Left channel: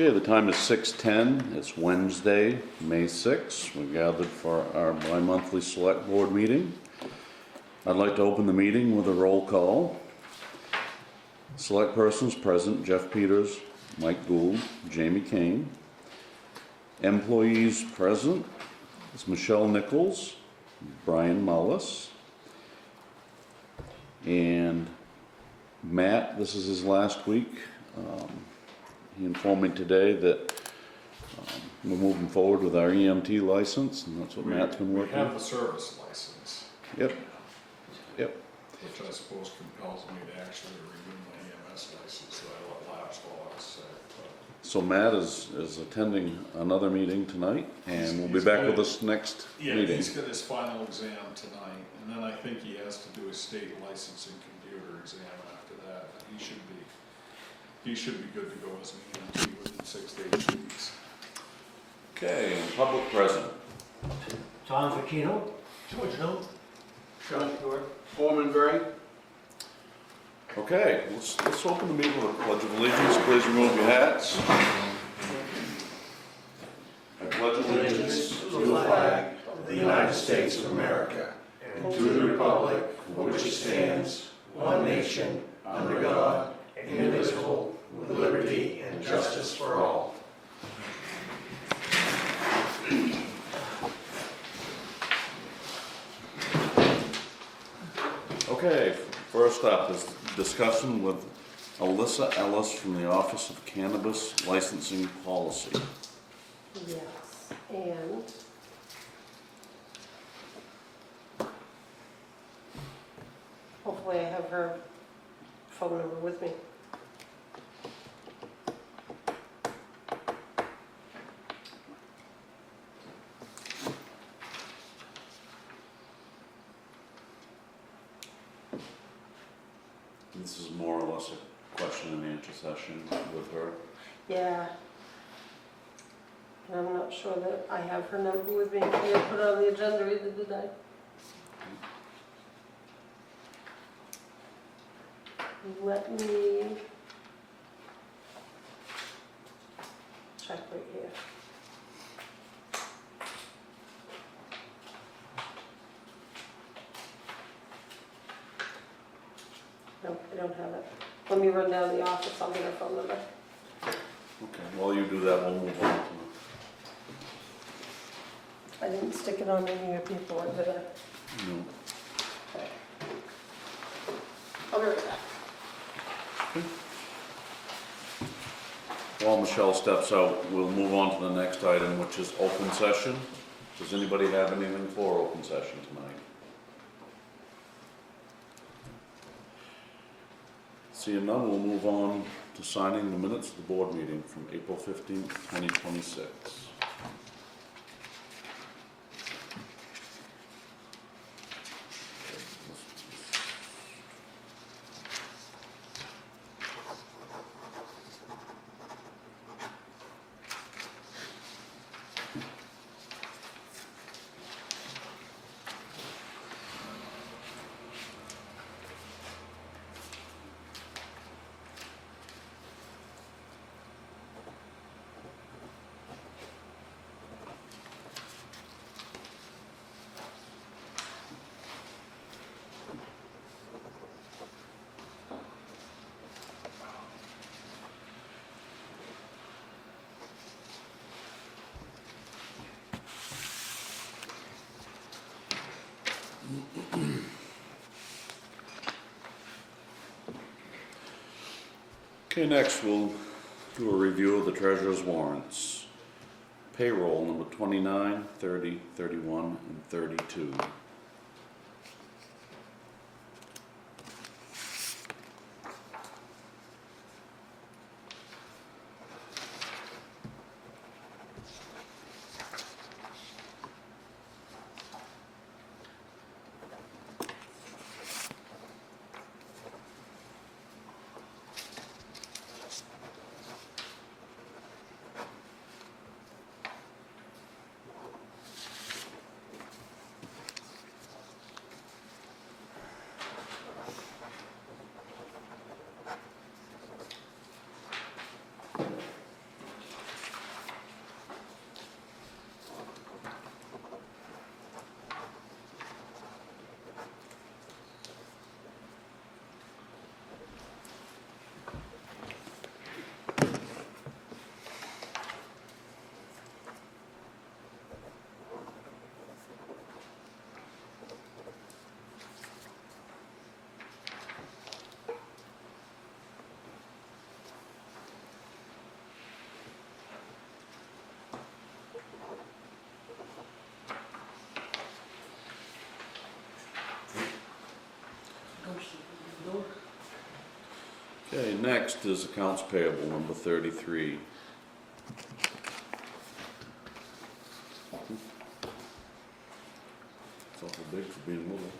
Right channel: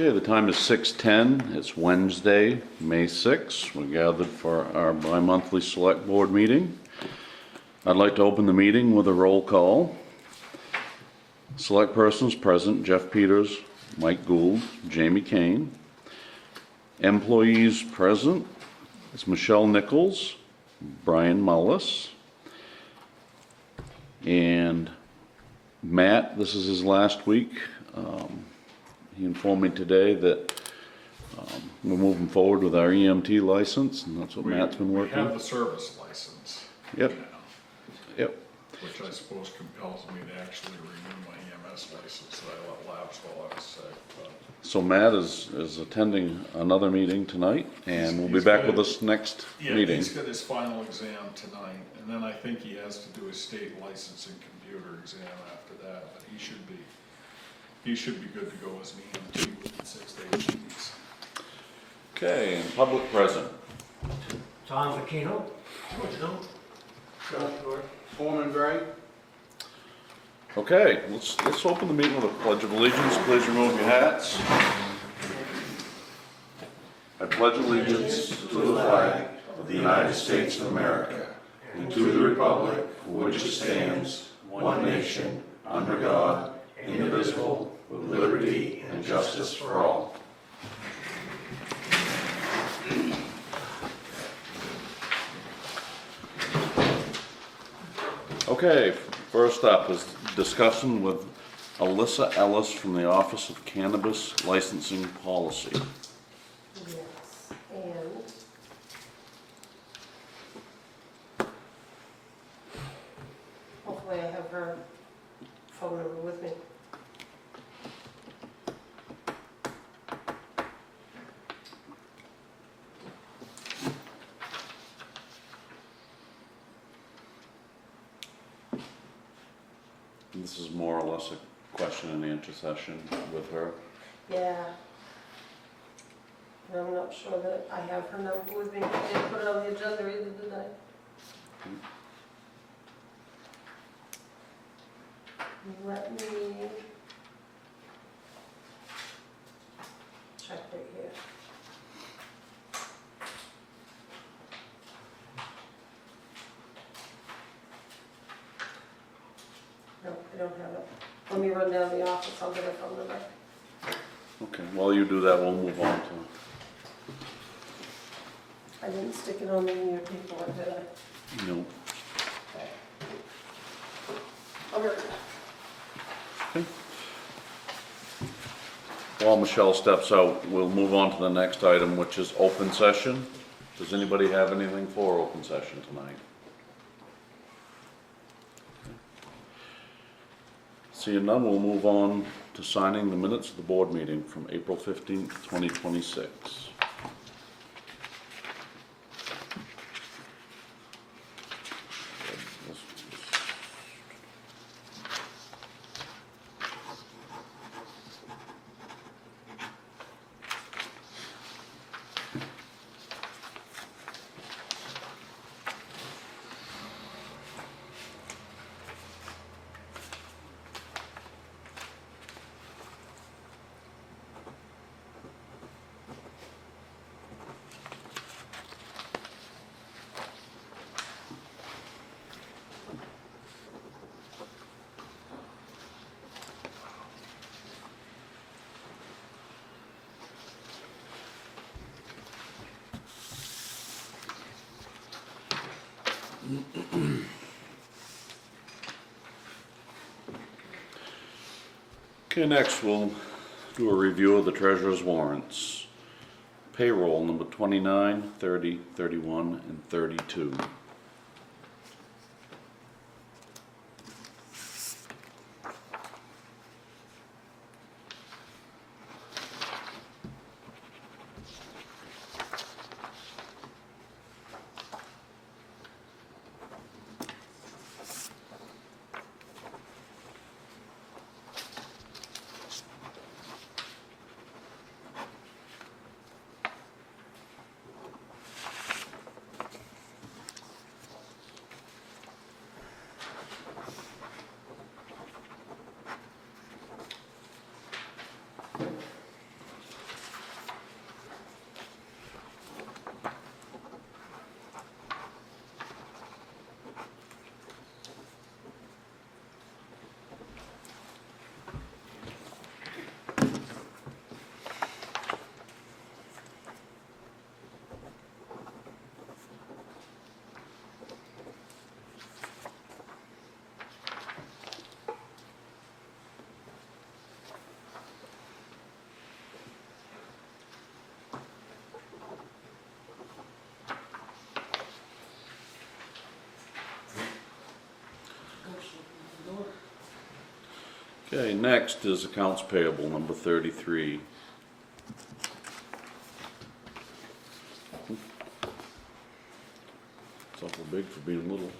Okay, the time is 6:10. It's Wednesday, May 6th. We're gathered for our bi-monthly select board meeting. I'd like to open the meeting with a roll call. Select persons present: Jeff Peters, Mike Gould, Jamie Kane. Employees present: it's Michelle Nichols, Brian Mullis, and Matt. This is his last week. He informed me today that we're moving forward with our EMT license, and that's what Matt's been working We on. have the service license. Yep. now, Yep. Which I suppose compels me to actually renew my EMS license that I let lapse while I was sick. But So Matt is attending another meeting tonight, and we'll be He's back good. with us next yeah, meeting. he's got his final exam tonight, and then I think he has to do his state licensing computer exam after that, but he should be good to go as an EMT within 6 to 8 weeks. Okay, and public present. Tom Facchino. George Hill. Foreman Gray. Okay, let's open the meeting with a pledge of allegiance. Please remove your hats. I pledge allegiance to the flag of the United States of America and to the republic for which it stands, one nation, under God, indivisible, with liberty and justice for all. Okay, first up is discussion with Alyssa Ellis from the Office of Cannabis Licensing Policy. Yes, and hopefully I have her phone number with me. This is more or less a question and answer session with her. Yeah. And I'm not sure that I have her number with me. I didn't put it on the agenda either, did I? Let me check right here. No, I don't have it. Let me run down the office, I'll get her phone number. Okay, while you do that, we'll move on to, I didn't stick it on any of your paperwork, did I? you know, Okay. I'll be right back. while Michelle steps out, we'll move on to the next item, which is open session. Does anybody have anything for open session tonight? Seeing none, we'll move on to signing the minutes of the board meeting from April 15th, 2026. Okay, next we'll do a review of the treasurer's warrants. Payroll number 29, 30, 31, and 32. Okay, next is accounts payable, number 33. It's awful big for being little.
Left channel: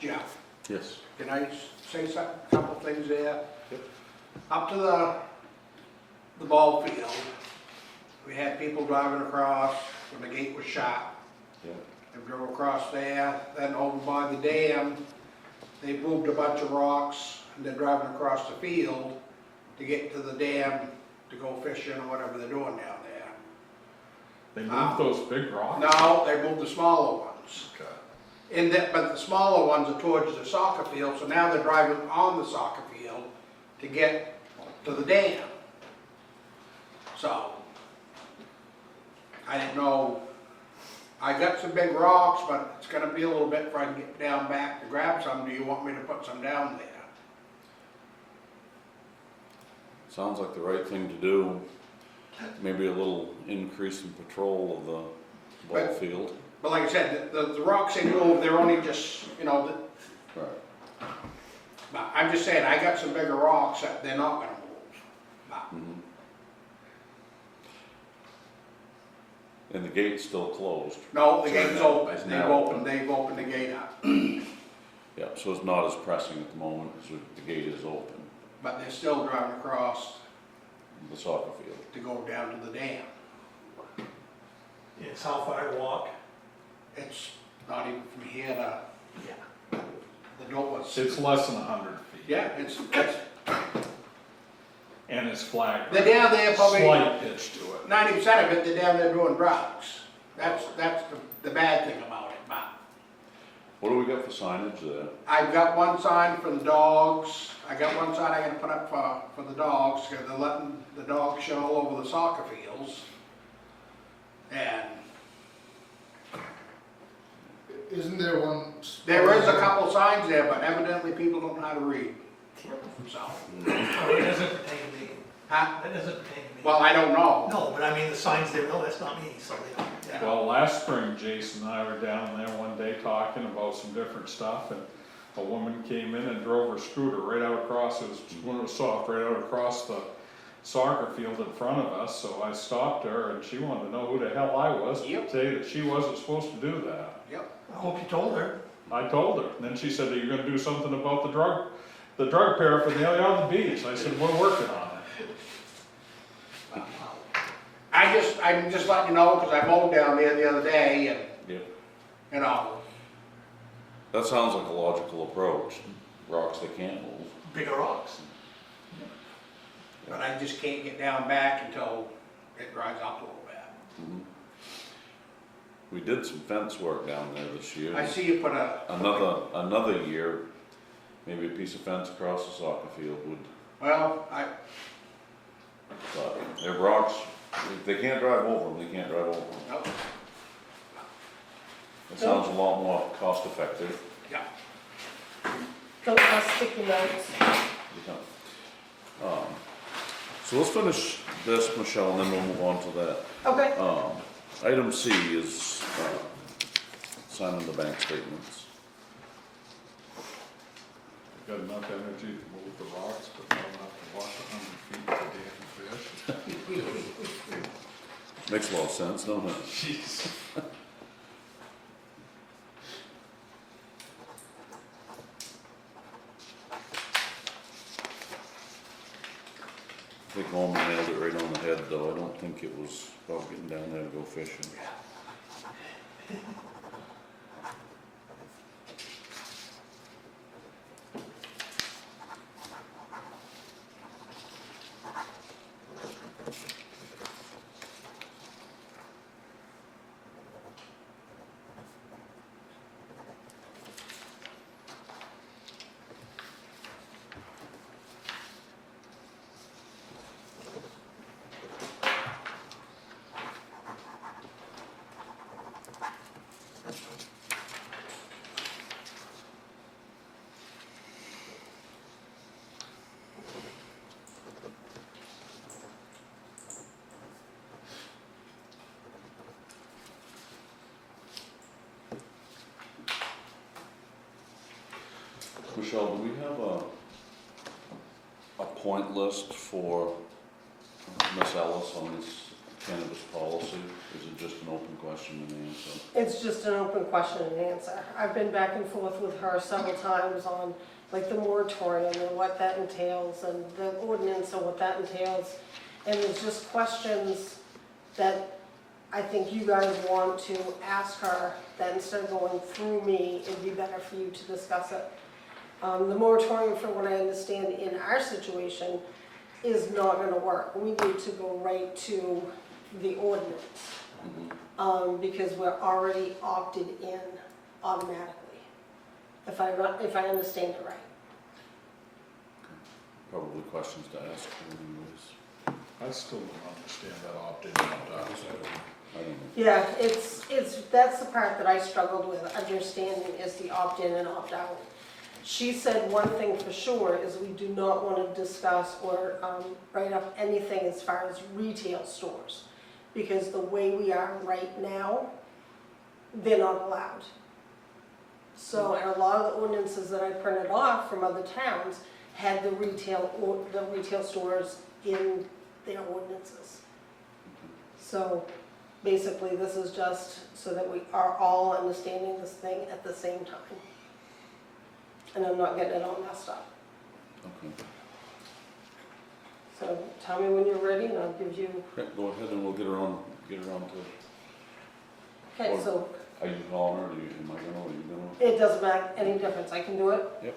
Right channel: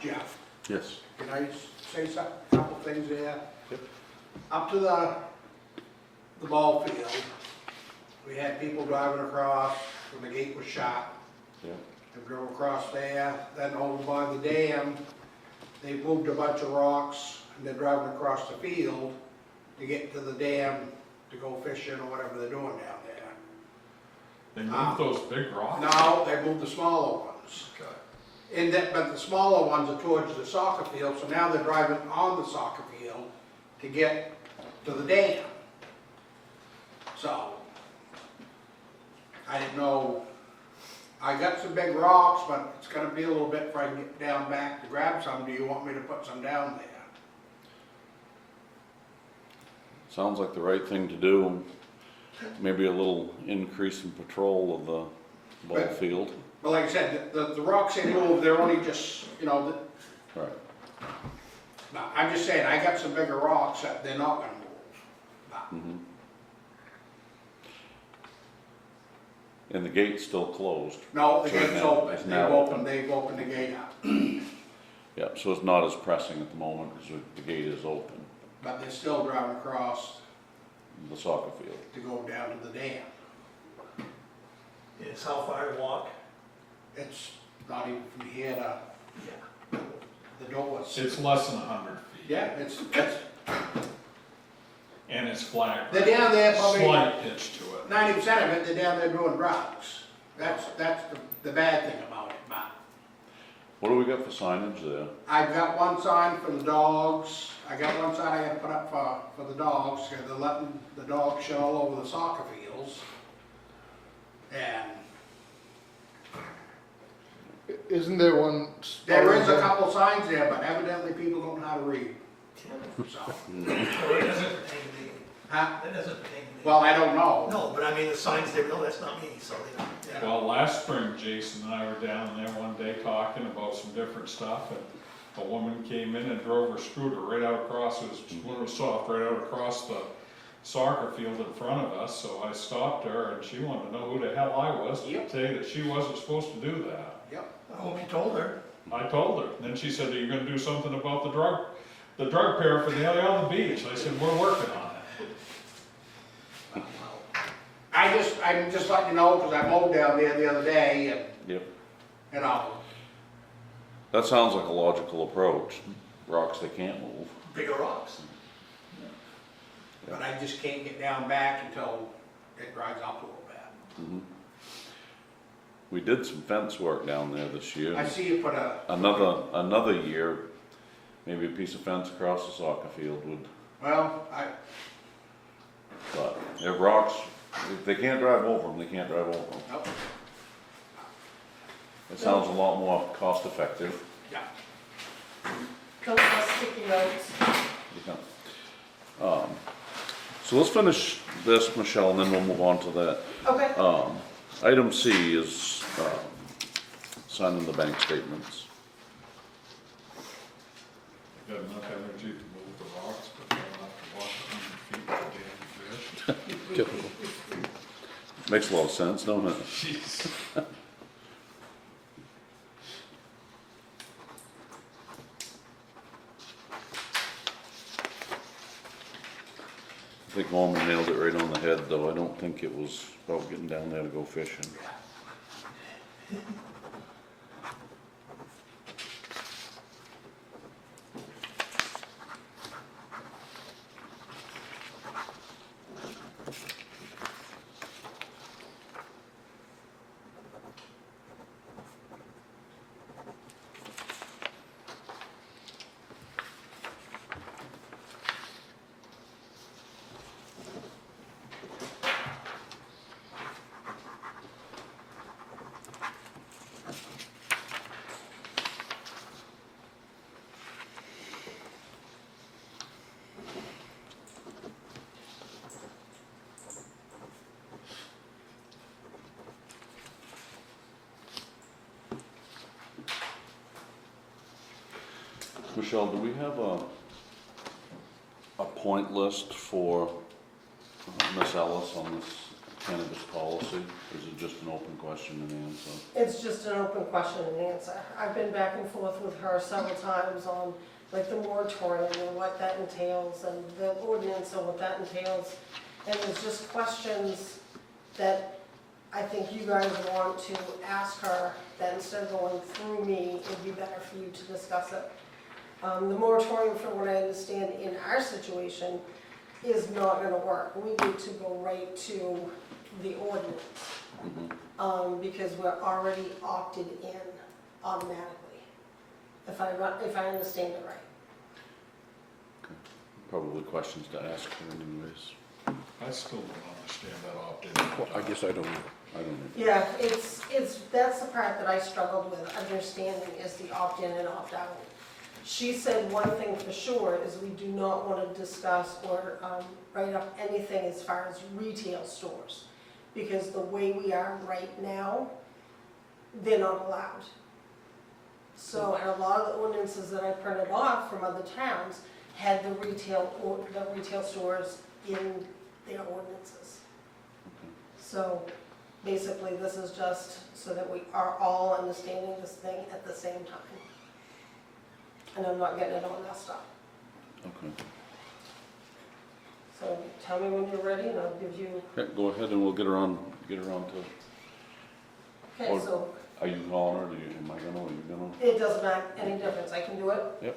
Jeff, Yes. can I say something, a couple things there? Yep. Up to the ball field, we had people driving across when the gate was shut. Yep. They drove across there, then over by the dam, they moved a bunch of rocks, and they're driving across the field to get to the dam to go fishing or whatever they're doing down there. They moved those big rocks? Now, they moved the smaller ones. Okay. But the smaller ones are towards the soccer field, so now they're driving on the soccer field to get to the dam. So, I didn't know, I got some big rocks, but it's gonna be a little bit before I can get down back to grab some. Do you want me to put some down there? Sounds like the right thing to do. Maybe a little increase in patrol of the ball But- field. But like I said, the rocks they moved, they're only just, Right. but I'm just saying, I got some bigger rocks that they're not gonna move. But Mhm. And the gate's still closed. no, the So gate's now- open, it's they've now opened the gate up. Yep, so it's not as pressing at the moment because the gate is open, But they're still driving across the soccer field. to go down to the dam. It's how far to walk? It's not even from here to Yeah. the doors. It's less than 100 feet. Yeah, it's, And it's flat. they're down there probably, Slight pitch to it. 90% of it, they're down there doing drugs. That's the bad thing about it, but What do we got for signage there? I've got one sign for the dogs, I got one sign I gotta put up for the dogs, because they're letting the dogs shit all over the soccer fields. And Isn't there one? there is a couple signs there, but evidently people don't know how to read, so. So it doesn't pertain to me. Huh? That doesn't pertain to me. Well, I don't know. No, but I mean, the signs there, no, that's not me, so, yeah. Well, last spring, Jason and I were down there one day talking about some different stuff, and a woman came in and drove her scooter right out across, it was soft, right out across the soccer field in front of us, so I stopped her, and she wanted to know who the hell I was, to Yep. say that she wasn't supposed to do that. Yep. I hope you told her. I told her, and then she said, are you gonna do something about the drug paraphernalia on the beach? I said, we're working on it. I'm just letting you know, because I mowed down there the other day, and, Yep. you know, That sounds like a logical approach. Rocks they can't move. Bigger rocks. but I just can't get down back until it dries up a little bit. We did some fence work down there this year. I see you put a, Another year, maybe a piece of fence across the soccer field would, well, but they're rocks, if they can't drive over them, they can't drive over them. nope, It sounds a lot more cost effective. yeah. Don't have sticky notes. Yeah. So let's finish this, Michelle, and then we'll move on to that. Okay. Item C is signing the bank statements. I got enough energy to move the rocks, but not enough to walk 100 feet to damn fish. Makes a lot of sense, don't it? Jeez. I think Norman nailed it right on the head, though. I don't think it was about getting down there to go fishing. Michelle, do we have a point list for Ms. Ellis on this cannabis policy? Is it just an open question and answer? It's just an open question and answer. I've been back and forth with her several times on like the moratorium and what that entails and the ordinance and what that entails. And there's just questions that I think you guys want to ask her, that instead of going through me, it'd be better for you to discuss it. The moratorium, from what I understand in our situation, is not gonna work. We need to go right to the ordinance, because we're already opted in automatically, if I understand it right. Probably questions to ask her anyways. I still don't understand that opt-in, opt-out. I guess I don't know. I don't know. Yeah, that's the part that I struggled with understanding, is the opt-in and opt-out. She said one thing for sure is we do not want to discuss or write up anything as far as retail stores, because the way we are right now, they're not allowed. So, and a lot of the ordinances that I printed off from other towns had the retail stores in their ordinances. So basically, this is just so that we are all understanding this thing at the same time. And I'm not getting it all messed up. Okay. So tell me when you're ready and I'll give you, Yeah, go ahead and we'll get her on to, okay, Or- so are you calling her? Am I gonna, are you gonna? it doesn't make any difference, I can do it. Yep.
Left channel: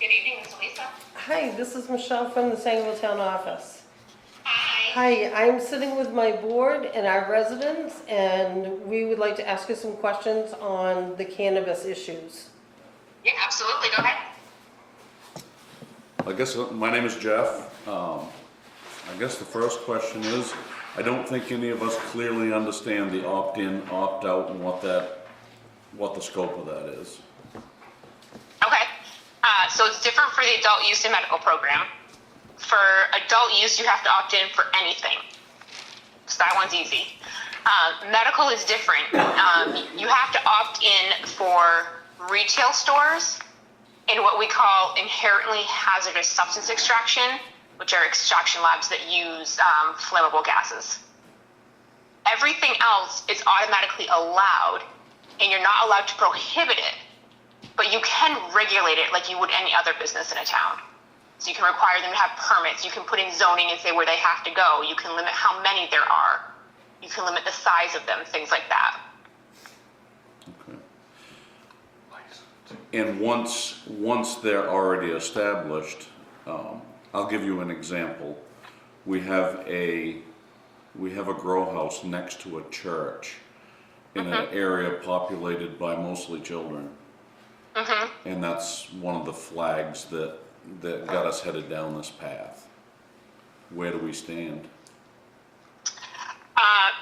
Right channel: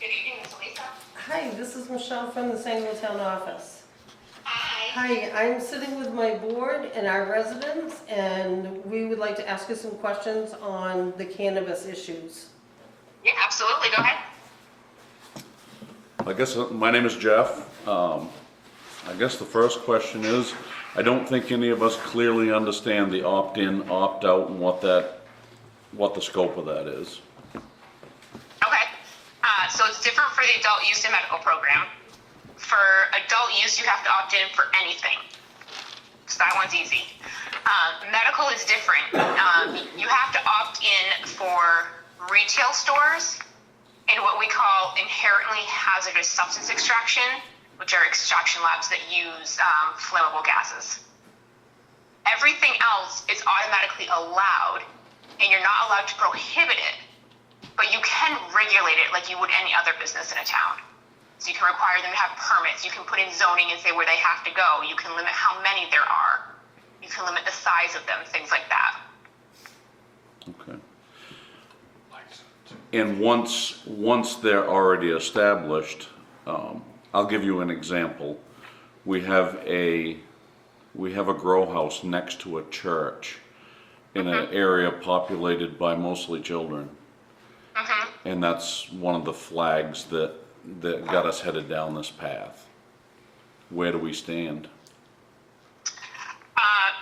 Good evening, Ms. Lisa. Hi, this is Michelle from the Sangerville Town office. Hi. Hi, I'm sitting with my board and our residents, and we would like to ask you some questions on the cannabis issues. Yeah, absolutely. Go ahead. I guess, my name is Jeff. I guess the first question is, I don't think any of us clearly understand the opt-in, opt-out and what the scope of that is. Okay. So it's different for the adult use and medical program. For adult use, you have to opt in for anything. So that one's easy. Medical is different. You have to opt in for retail stores and what we call inherently hazardous substance extraction, which are extraction labs that use flammable gases. Everything else is automatically allowed, and you're not allowed to prohibit it, but you can regulate it like you would any other business in a town. So you can require them to have permits, you can put in zoning and say where they have to go, you can limit how many there are, you can limit the size of them, things like that. Okay. And once they're already established, I'll give you an example. We have a grow house next to a church in an area populated by mostly children. And that's one of the flags that got us headed down this path. Where do we stand?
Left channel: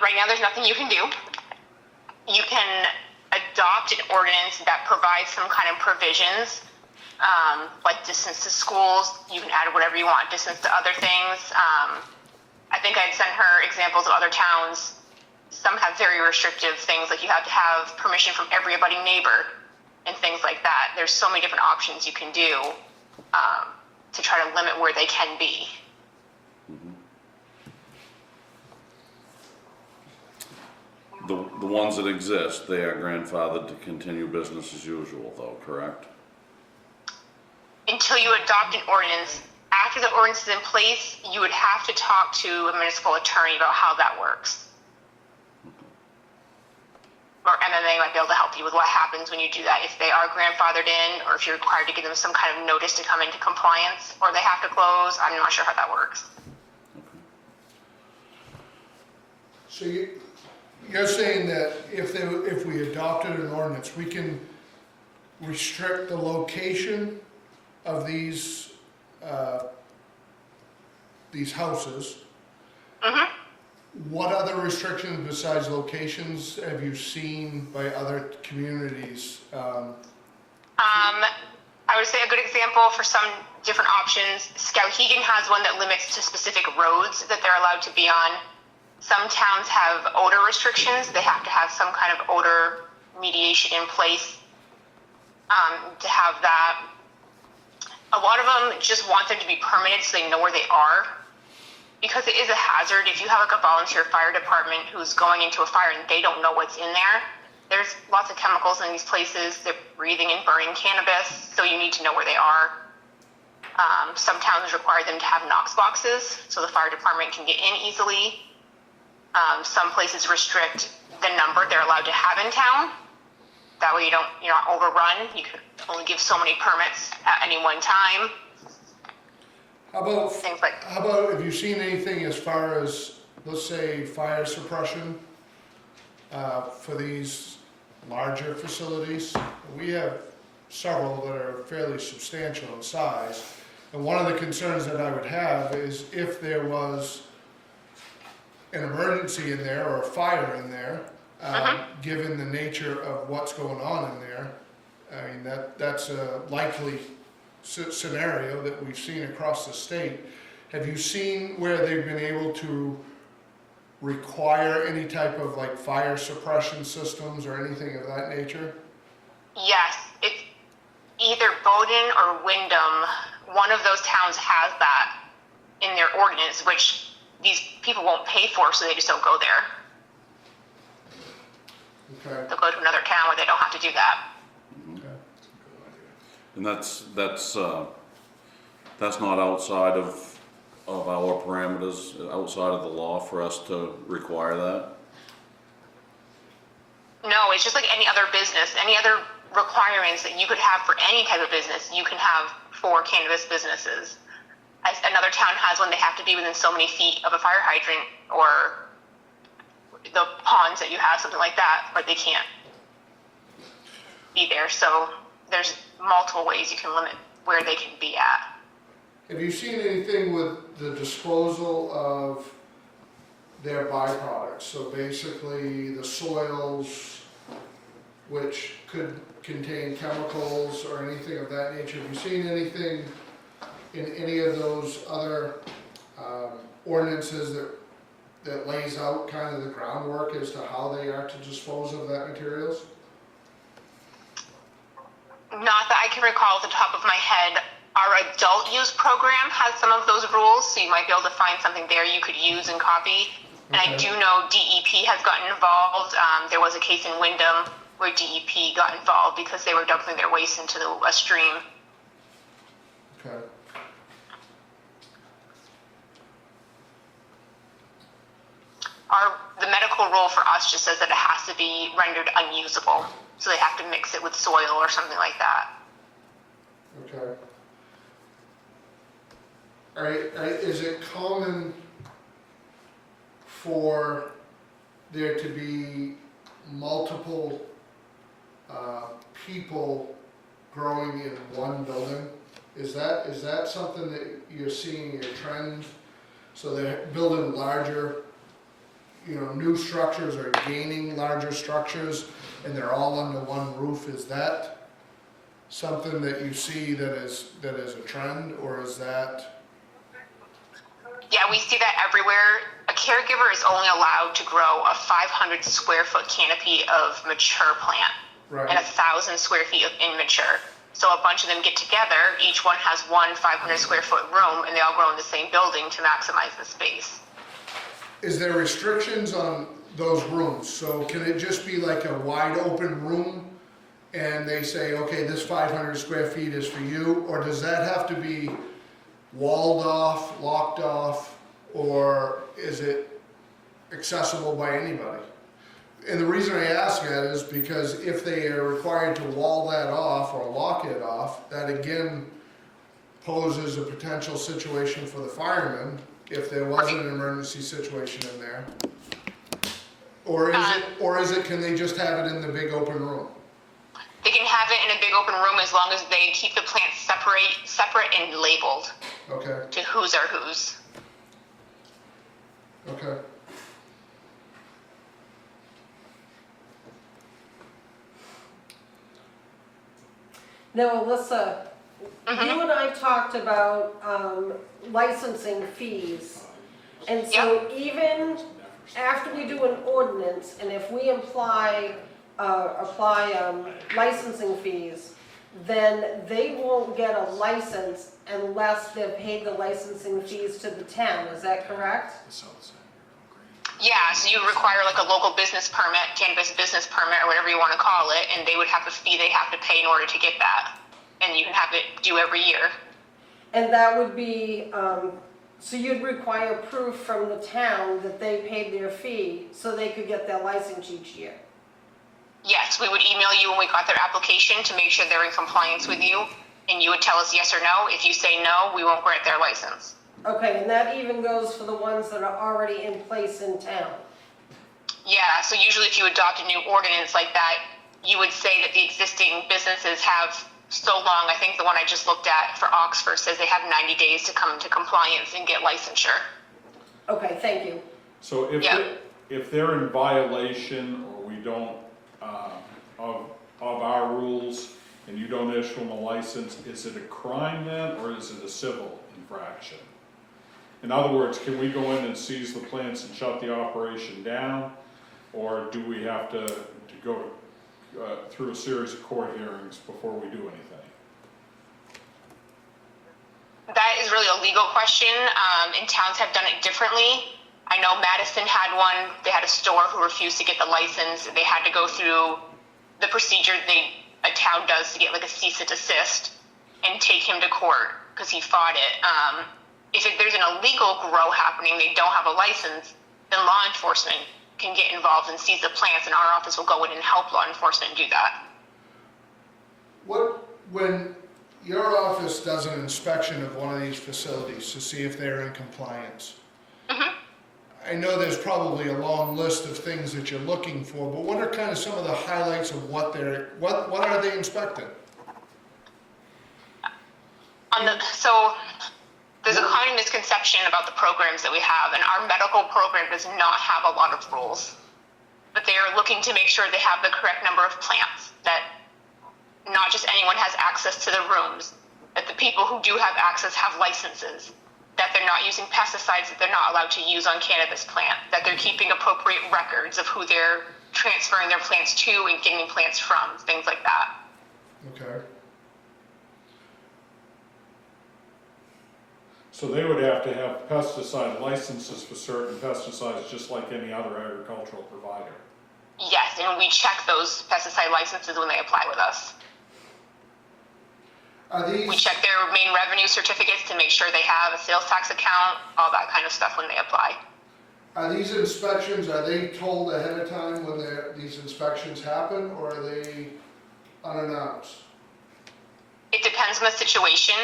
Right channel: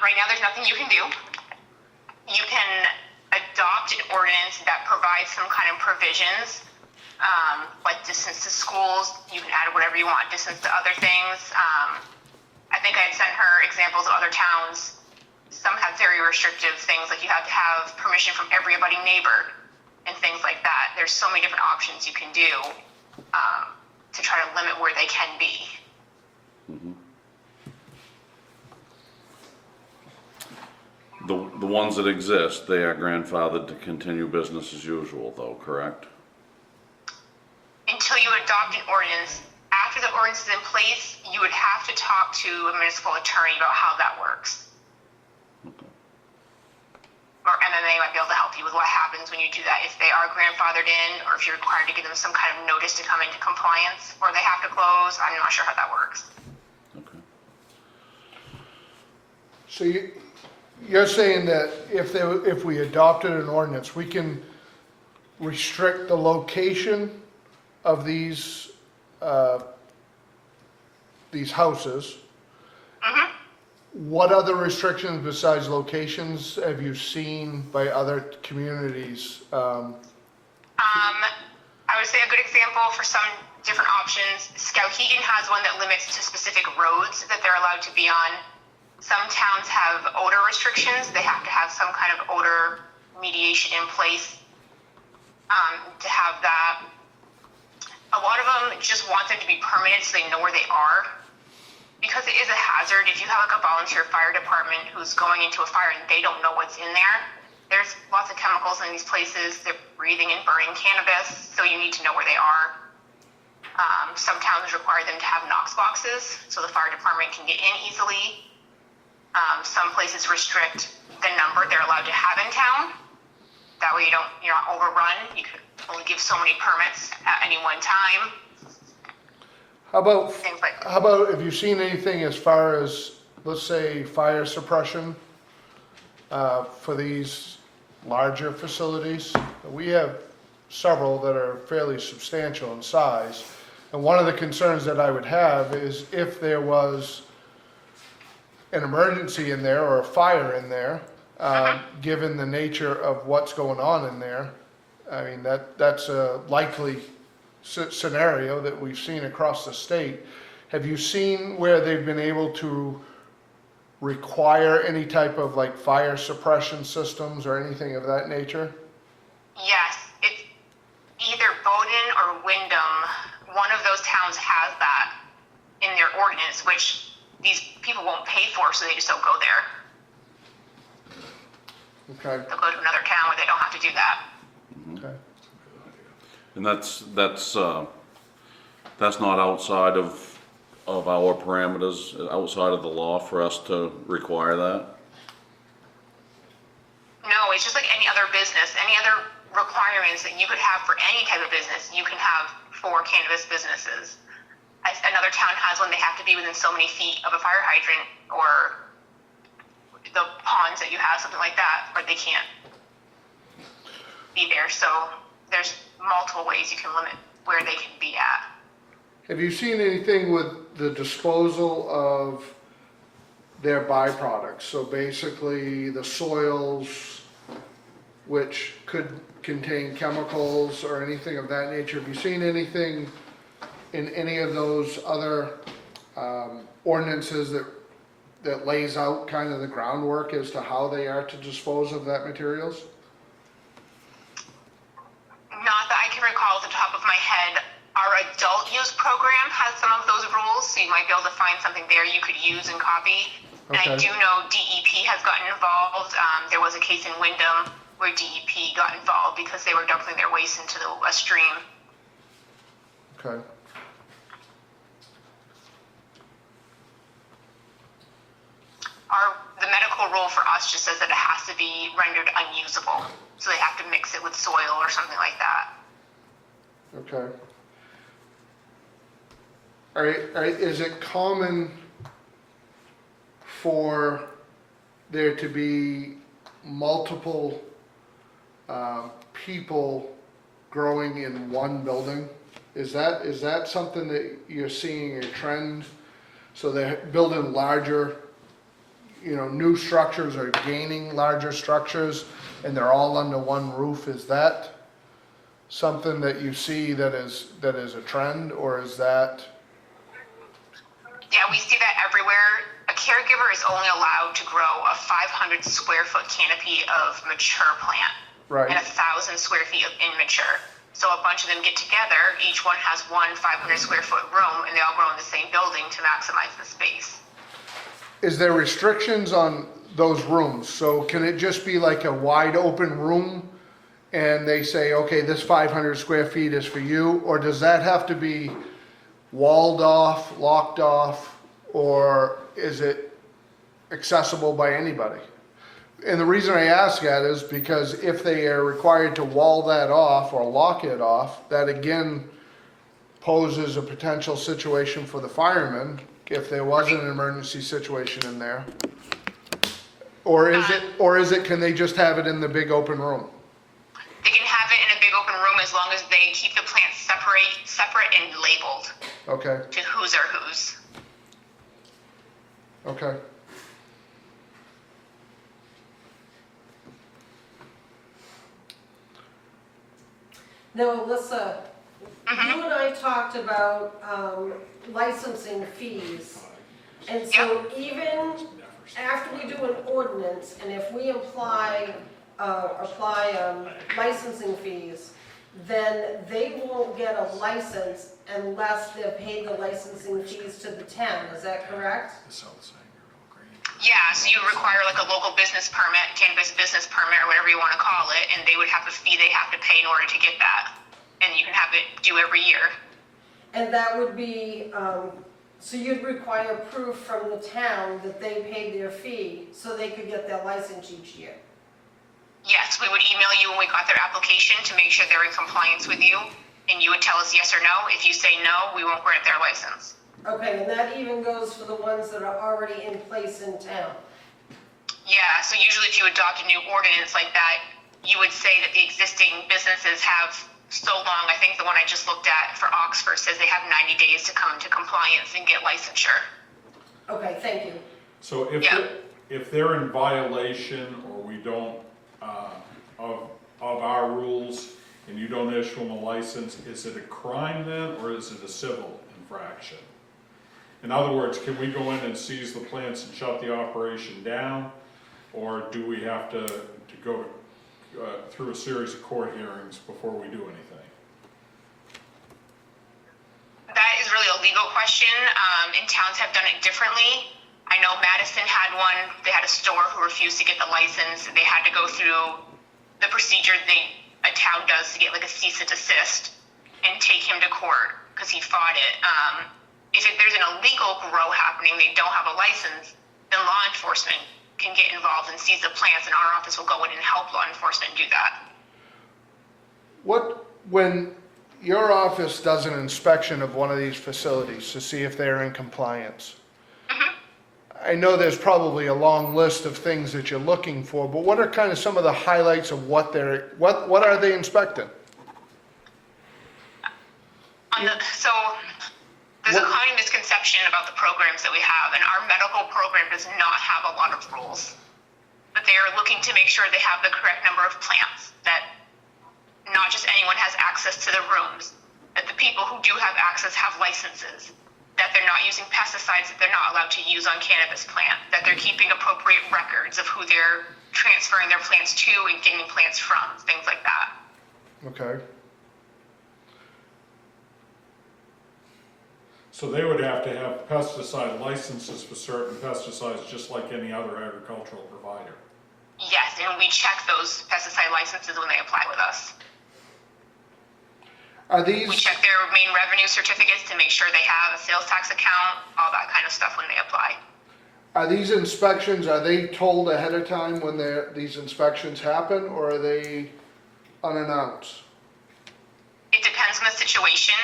Right now there's nothing you can do. You can adopt an ordinance that provides some kind of provisions, like distance to schools. You can add whatever you want, distance to other things. I think I'd sent her examples of other towns. Some have very restrictive things, like you have to have permission from every abutting neighbor and things like that. There's so many different options you can do to try to limit where they can be. The ones that exist, they are grandfathered to continue business as usual though, correct? Until you adopt an ordinance, after the ordinance is in place, you would have to talk to a municipal attorney about how that works. Or MMA might be able to help you with what happens when you do that, if they are grandfathered in, or if you're required to give them some kind of notice to come into compliance, or they have to close. I'm not sure how that works. Okay. So you're saying that if we adopted an ordinance, we can restrict the location of these houses What other restrictions besides locations have you seen by other communities? I would say a good example for some different options, Skowhegan has one that limits to specific roads that they're allowed to be on. Some towns have odor restrictions. They have to have some kind of odor mediation in place to have that. A lot of them just want them to be permitted so they know where they are. Because it is a hazard, if you have like a volunteer fire department who's going into a fire and they don't know what's in there, there's lots of chemicals in these places. They're breathing and burning cannabis, so you need to know where they are. Some towns require them to have Knox boxes so the fire department can get in easily. Some places restrict the number they're allowed to have in town. That way you're not overrun. You can only give so many permits at any one time. How about, Things like have you seen anything as far as, let's say, fire suppression for these larger facilities? We have several that are fairly substantial in size. And one of the concerns that I would have is if there was an emergency in there or a fire in there, given the nature of what's going on in there, I mean, that's a likely scenario that we've seen across the state. Have you seen where they've been able to require any type of like fire suppression systems or anything of that nature? yes, it's either Bowdoin or Wyndham. One of those towns has that in their ordinance, which these people won't pay for, so they just don't go there. Okay, They'll go to another town where they don't have to do that. okay. And that's not outside of our parameters, outside of the law for us to require that? No, it's just like any other business, any other requirements that you could have for any type of business, you can have for cannabis businesses. Another town has one, they have to be within so many feet of a fire hydrant or the ponds that you have, something like that, or they can't be there. So there's multiple ways you can limit where they can be at. Have you seen anything with the disposal of their byproducts? So basically the soils, which could contain chemicals or anything of that nature. Have you seen anything in any of those other ordinances that lays out kind of the groundwork as to how they are to dispose of that materials? Not that I can recall off the top of my head. Our adult use program has some of those rules, so you might be able to find something there you could use and copy. And I Okay. do know DEP has gotten involved. There was a case in Wyndham where DEP got involved because they were dumping their waste into a stream. Okay. The medical rule for us just says that it has to be rendered unusable. So they have to mix it with soil or something like that. Okay. Is it common for there to be multiple people growing in one building? Is that something that you're seeing a trend? So they're building larger, new structures or gaining larger structures and they're all under one roof? Is that something that you see that is a trend, or is that? Yeah, we see that everywhere. A caregiver is only allowed to grow a 500 square foot canopy of mature plant and Right, 1,000 square feet of immature. So a bunch of them get together, each one has one 500 square foot room, and they all grow in the same building to maximize the space. is there restrictions on those rooms? So can it just be like a wide open room and they say, okay, this 500 square feet is for you? Or does that have to be walled off, locked off, or is it accessible by anybody? And the reason I ask that is because if they are required to wall that off or lock it off, that again poses a potential situation for the firemen if there was an emergency situation in there. Or is it, can they just have it in the big open room? They can have it in a big open room as long as they keep the plants separate and labeled Okay, to whose are whose. okay. Now, Alyssa, Mhm. you and I talked about licensing fees. And so even after we do an ordinance, and if we apply licensing fees, then they won't get a license unless they've paid the licensing fees to the town, is that correct? Yeah, so you require like a local business permit, cannabis business permit, or whatever you want to call it, and they would have a fee they have to pay in order to get that. And you can have it due every year. And that would be, so you'd require proof from the town that they paid their fee so they could get their license each year? Yes, we would email you when we got their application to make sure they're in compliance with you, and you would tell us yes or no. If you say no, we won't grant their license. Okay, and that even goes for the ones that are already in place in town? Yeah, so usually if you adopt a new ordinance like that, you would say that the existing businesses have so long. I think the one I just looked at for Oxford says they have 90 days to come into compliance and get licensure. Okay, thank you. So if, Yeah. if they're in violation or we don't, of our rules and you don't issue them a license, is it a crime then or is it a civil infraction? In other words, can we go in and seize the plants and shut the operation down? Or do we have to go through a series of court hearings before we do anything? That is really a legal question, and towns have done it differently. I know Madison had one. They had a store who refused to get the license. They had to go through the procedure a town does to get like a cease and desist and take him to court because he fought it. If there's an illegal grow happening, they don't have a license, then law enforcement can get involved and seize the plants, and our office will go in and help law enforcement do that. When your office does an inspection of one of these facilities to see if they're in compliance, I know there's probably a long list of things that you're looking for, but what are kind of some of the highlights of what are they inspecting? So there's a common misconception about the programs that we have, and our medical program does not have a lot of rules. But they are looking to make sure they have the correct number of plants, that not just anyone has access to the rooms, that the people who do have access have licenses, that they're not using pesticides that they're not allowed to use on cannabis plant, that they're keeping appropriate records of who they're transferring their plants to and getting plants from, things like that. Okay. So they would have to have pesticide licenses for certain pesticides, just like any other agricultural provider. Yes, and we check those pesticide licenses when they apply with us. Are We these, check their main revenue certificates to make sure they have a sales tax account, all that kind of stuff when they apply. are these inspections, are they told ahead of time when these inspections happen, or are they unannounced? It depends on the situation.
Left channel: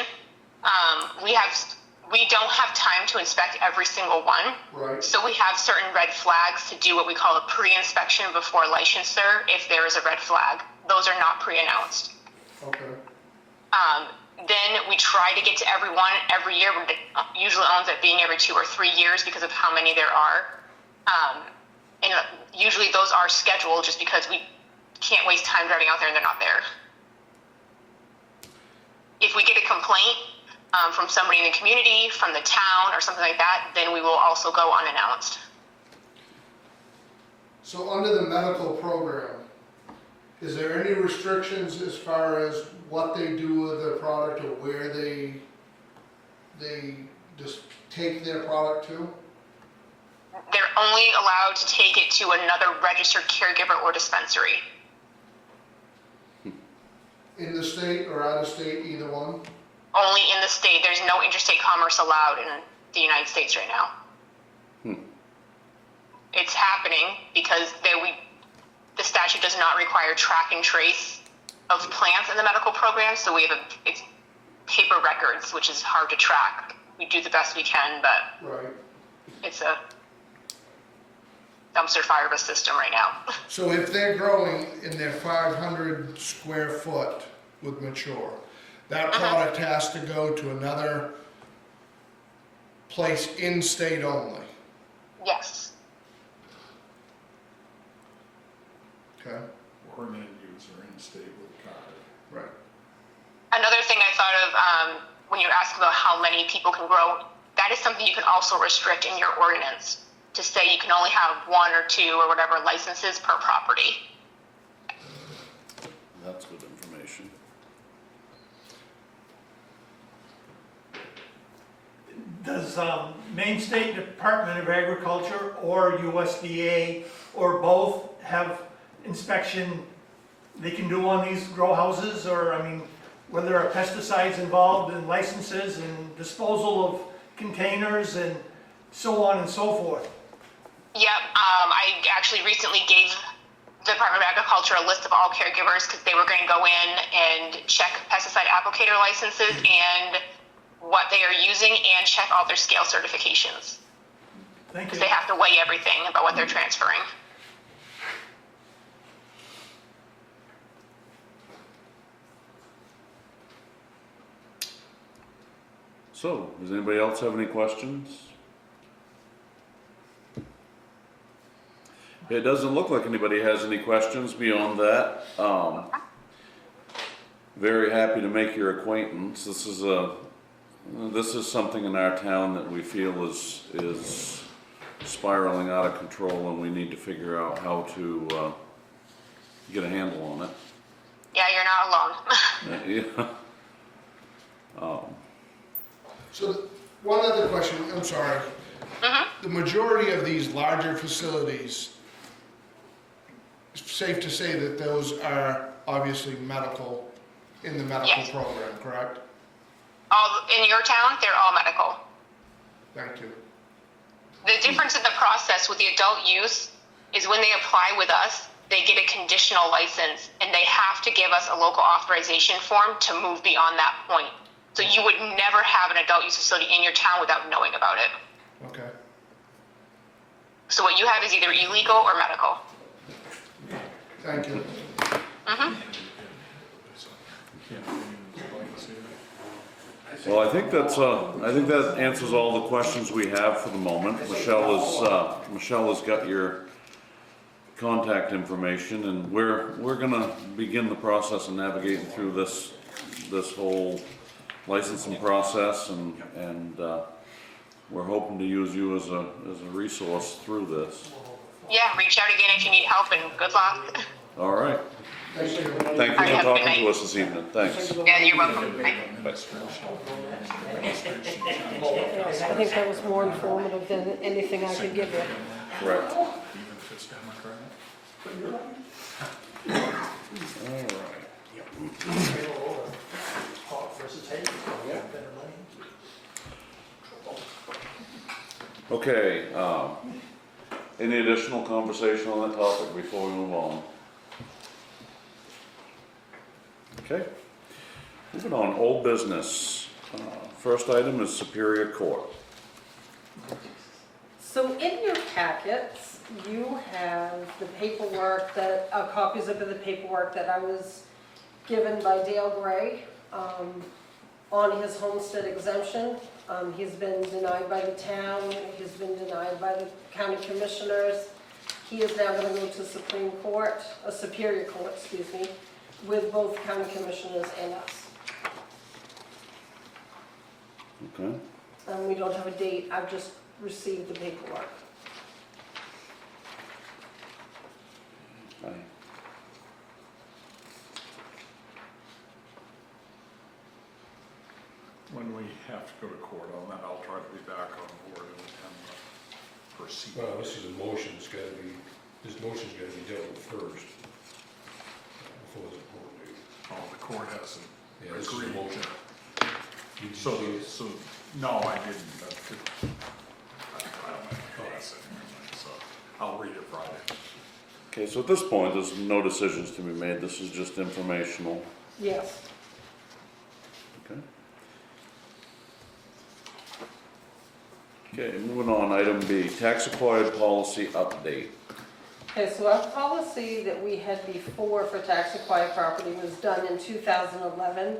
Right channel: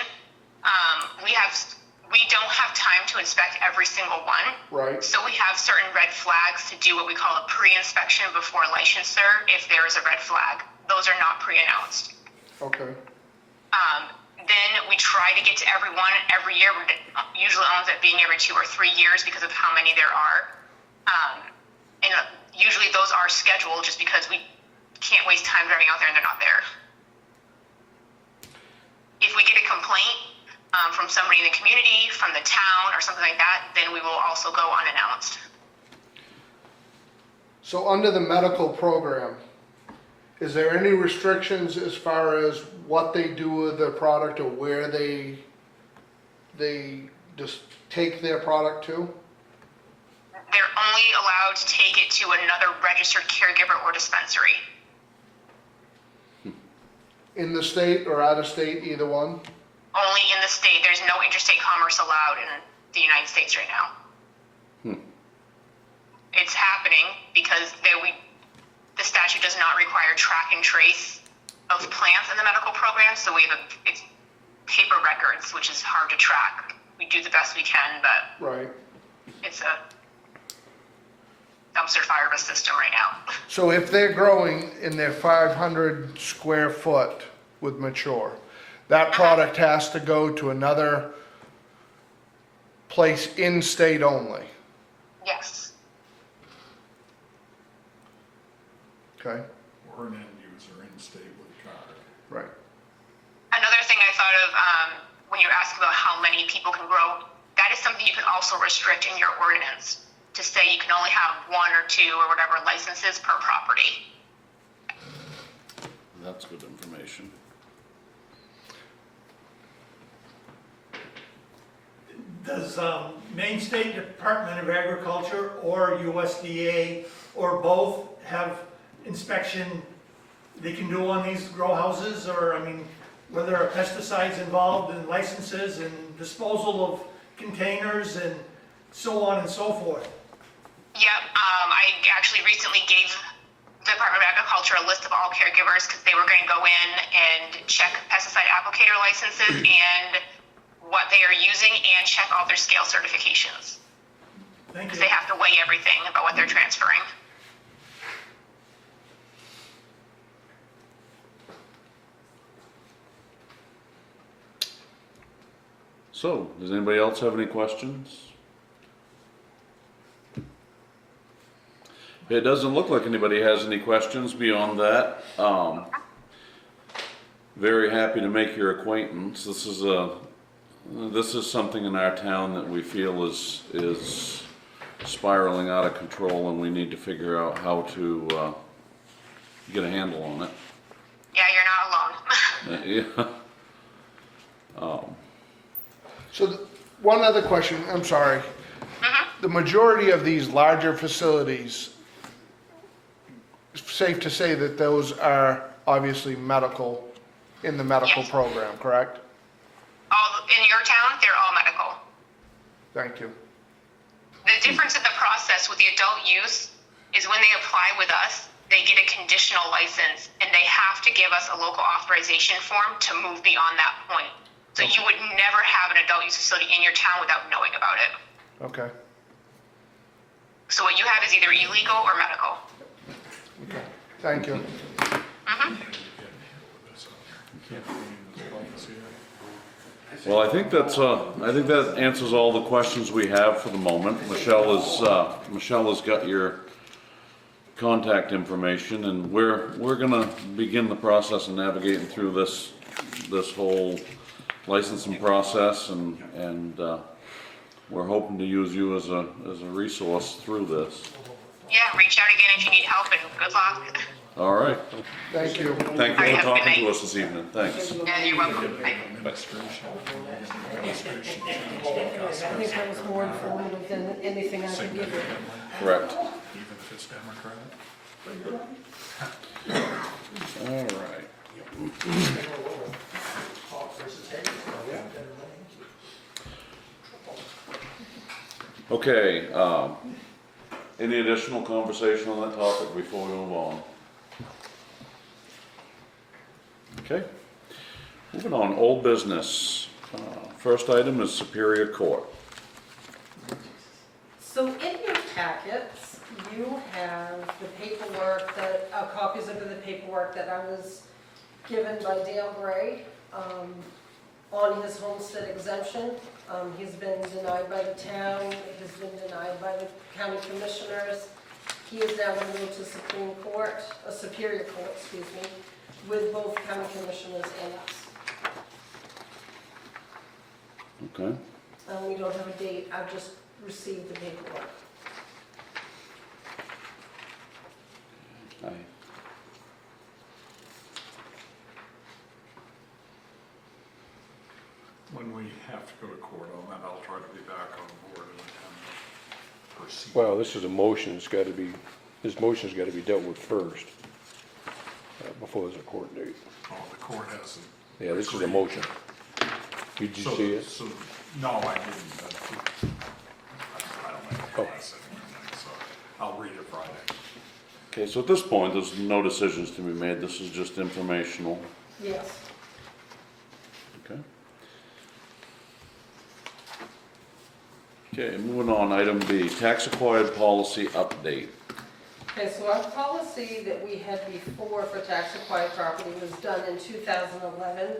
We don't have time to inspect every single one. Right, So we have certain red flags to do what we call a pre-inspection before licensure if there is a red flag. Those are not pre-announced. okay. Then we try to get to everyone every year. It usually ends up being every 2 or 3 years because of how many there are. And usually those are scheduled just because we can't waste time driving out there and they're not there. If we get a complaint from somebody in the community, from the town, or something like that, then we will also go unannounced. So under the medical program, is there any restrictions as far as what they do with their product or where they just take their product to? They're only allowed to take it to another registered caregiver or dispensary. In the state or out of state, either one? Only in the state. There's no interstate commerce allowed in the United States right now. It's happening because the statute does not require track and trace of plants in the medical program, so we have it's paper records, which is hard to track. We do the best we can, but Right. it's a dumpster fire of a system right now. So if they're growing in their 500 square foot with mature, that product has to go to another place in state only, Yes. okay? Or an end user in state with a card. Right. Another thing I thought of when you asked about how many people can grow, that is something you can also restrict in your ordinance to say you can only have 1 or 2 or whatever licenses per property. That's good information. Does Maine State Department of Agriculture or USDA or both have inspection they can do on these grow houses? Or, I mean, whether there are pesticides involved and licenses and disposal of containers and so on and so forth? Yep, I actually recently gave the Department of Agriculture a list of all caregivers because they were going to go in and check pesticide applicator licenses and what they are using and check all their scale certifications. Thank Because you. they have to weigh everything about what they're transferring. So, does anybody else have any questions? It doesn't look like anybody has any questions beyond that. Very happy to make your acquaintance. This is something in our town that we feel is spiraling out of control, and we need to figure out how to get a handle on it. Yeah, you're not alone. Yeah. So one other question, I'm sorry. The majority of these larger facilities, it's safe to say that those are obviously medical, in the medical Yes. program, correct? In your town, they're all medical. Thank you. The difference in the process with the adult use is when they apply with us, they get a conditional license and they have to give us a local authorization form to move beyond that point. So you would never have an adult use facility in your town without knowing about it. Okay. So what you have is either illegal or medical. Thank you. Well, I think that answers all the questions we have for the moment. Michelle has got your contact information, and we're gonna begin the process of navigating through this whole licensing process, and we're hoping to use you as a resource through this. Yeah, reach out again if you need help, and good luck. All right. Thank you. Thank you All right, for have a good talking night. to us this evening. Thanks. Yeah, you're welcome. Bye. I think that was more informative than anything I could give you. Correct. Even if it's Democrat. All right. Okay, any additional conversation on that topic before we move on? Okay, moving on, old business. First item is Superior Court. So in your packets, you have the paperwork that, copies of the paperwork that I was given by Dale Gray on his homestead exemption. He's been denied by the town, he's been denied by the county commissioners. He is now going to go to Supreme Court, Superior Court, excuse me, with both county commissioners and us. Okay, We don't have a date, I've just received the paperwork. aye. When we have to go to court on that, I'll try to be back on board and attend the proceeding. Well, this is a motion, this motion's gotta be dealt with first, before there's a court date. Oh, the court hasn't. Yeah, this is a agreed. motion. Did you So, see it? so, no, I didn't, but I don't make a class anyway, so I'll read it Friday. Okay, so at this point, there's no decisions to be made, this is just informational, Yes. okay? Okay, moving on, item B, tax acquired policy update. Okay, so our policy that we had before for tax acquired property was done in 2011.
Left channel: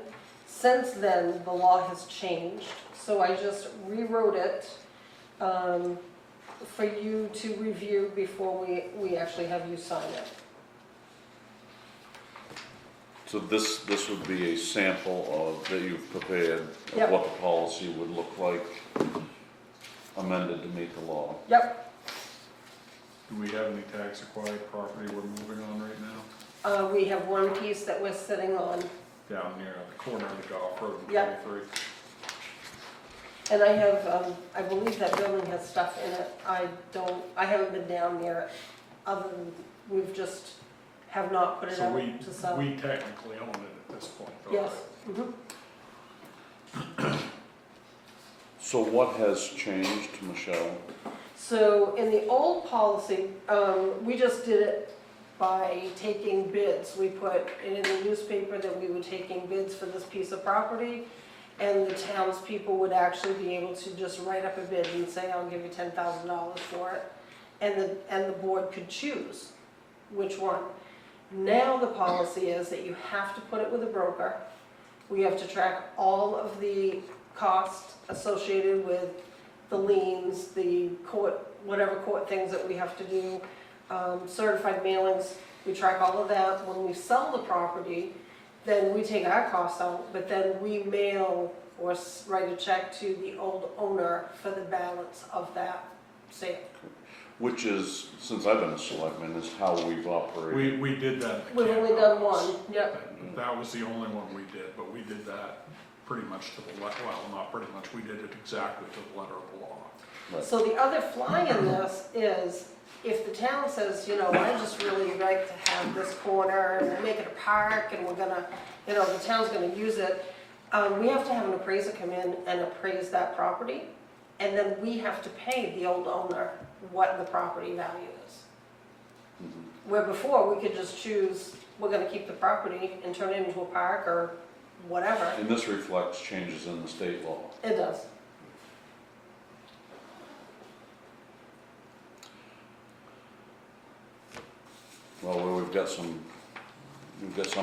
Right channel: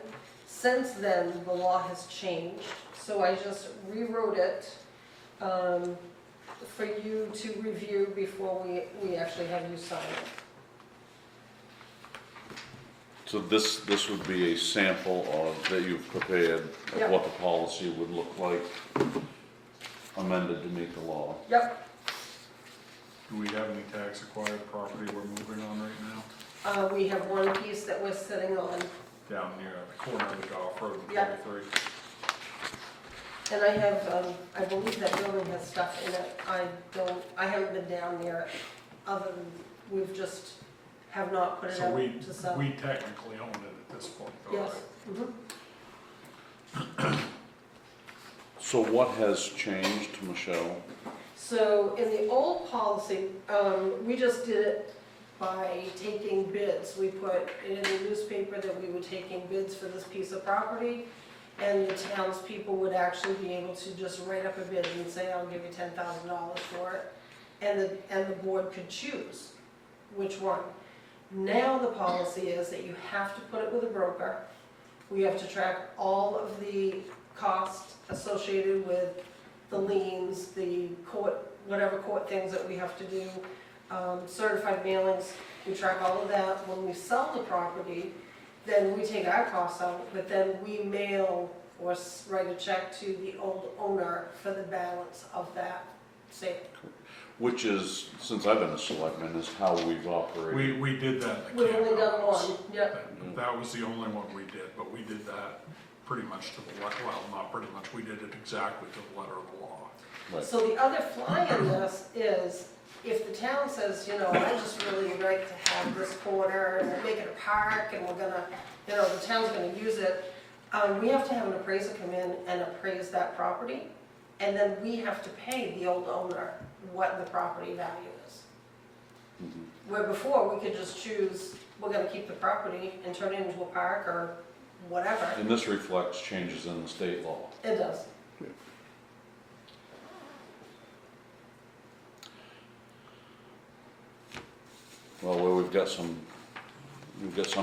Since then, the law has changed, so I just rewrote it for you to review before we actually have you sign it. So this would be a sample of, that you've prepared of Yep. what the policy would look like amended to meet the law. Yep, Do we have any tax acquired property we're moving on right now? we have one piece that we're sitting on, Down near the corner of the golf road and Yep. 23? and I have, I believe that building has stuff in it. I haven't been down there, other than, we've just, have not put it So out we, to sell. we technically own it at this point, though, Yes. right? Mhm. So what has changed, Michelle? So in the old policy, we just did it by taking bids. We put it in the newspaper that we were taking bids for this piece of property, and the townspeople would actually be able to just write up a bid and say, I'll give you $10,000 for it, and the board could choose which one. Now the policy is that you have to put it with a broker. We have to track all of the costs associated with the liens, the court, whatever court things that we have to do, certified mailings, we track all of that. When we sell the property, then we take our costs out, but then we mail or write a check to the old owner for the balance of that sale. Which is, since I've been a selectman, is how we've operated. We did that in the We've camp only done house. one, yep. That was the only one we did, but we did that pretty much to the, well, not pretty much, we did it exactly to the letter of the law. Right. So the other fly in this is, if the town says, you know, I just really like to have this corner, and we'll make it a park, and we're gonna, you know, the town's gonna use it, we have to have an appraiser come in and appraise that property, and then we have to pay the old owner what the property value is. Where before, we could just choose, we're gonna keep the property and turn it into a park or whatever. And this reflects changes in the state law. It does. Well, where we've got some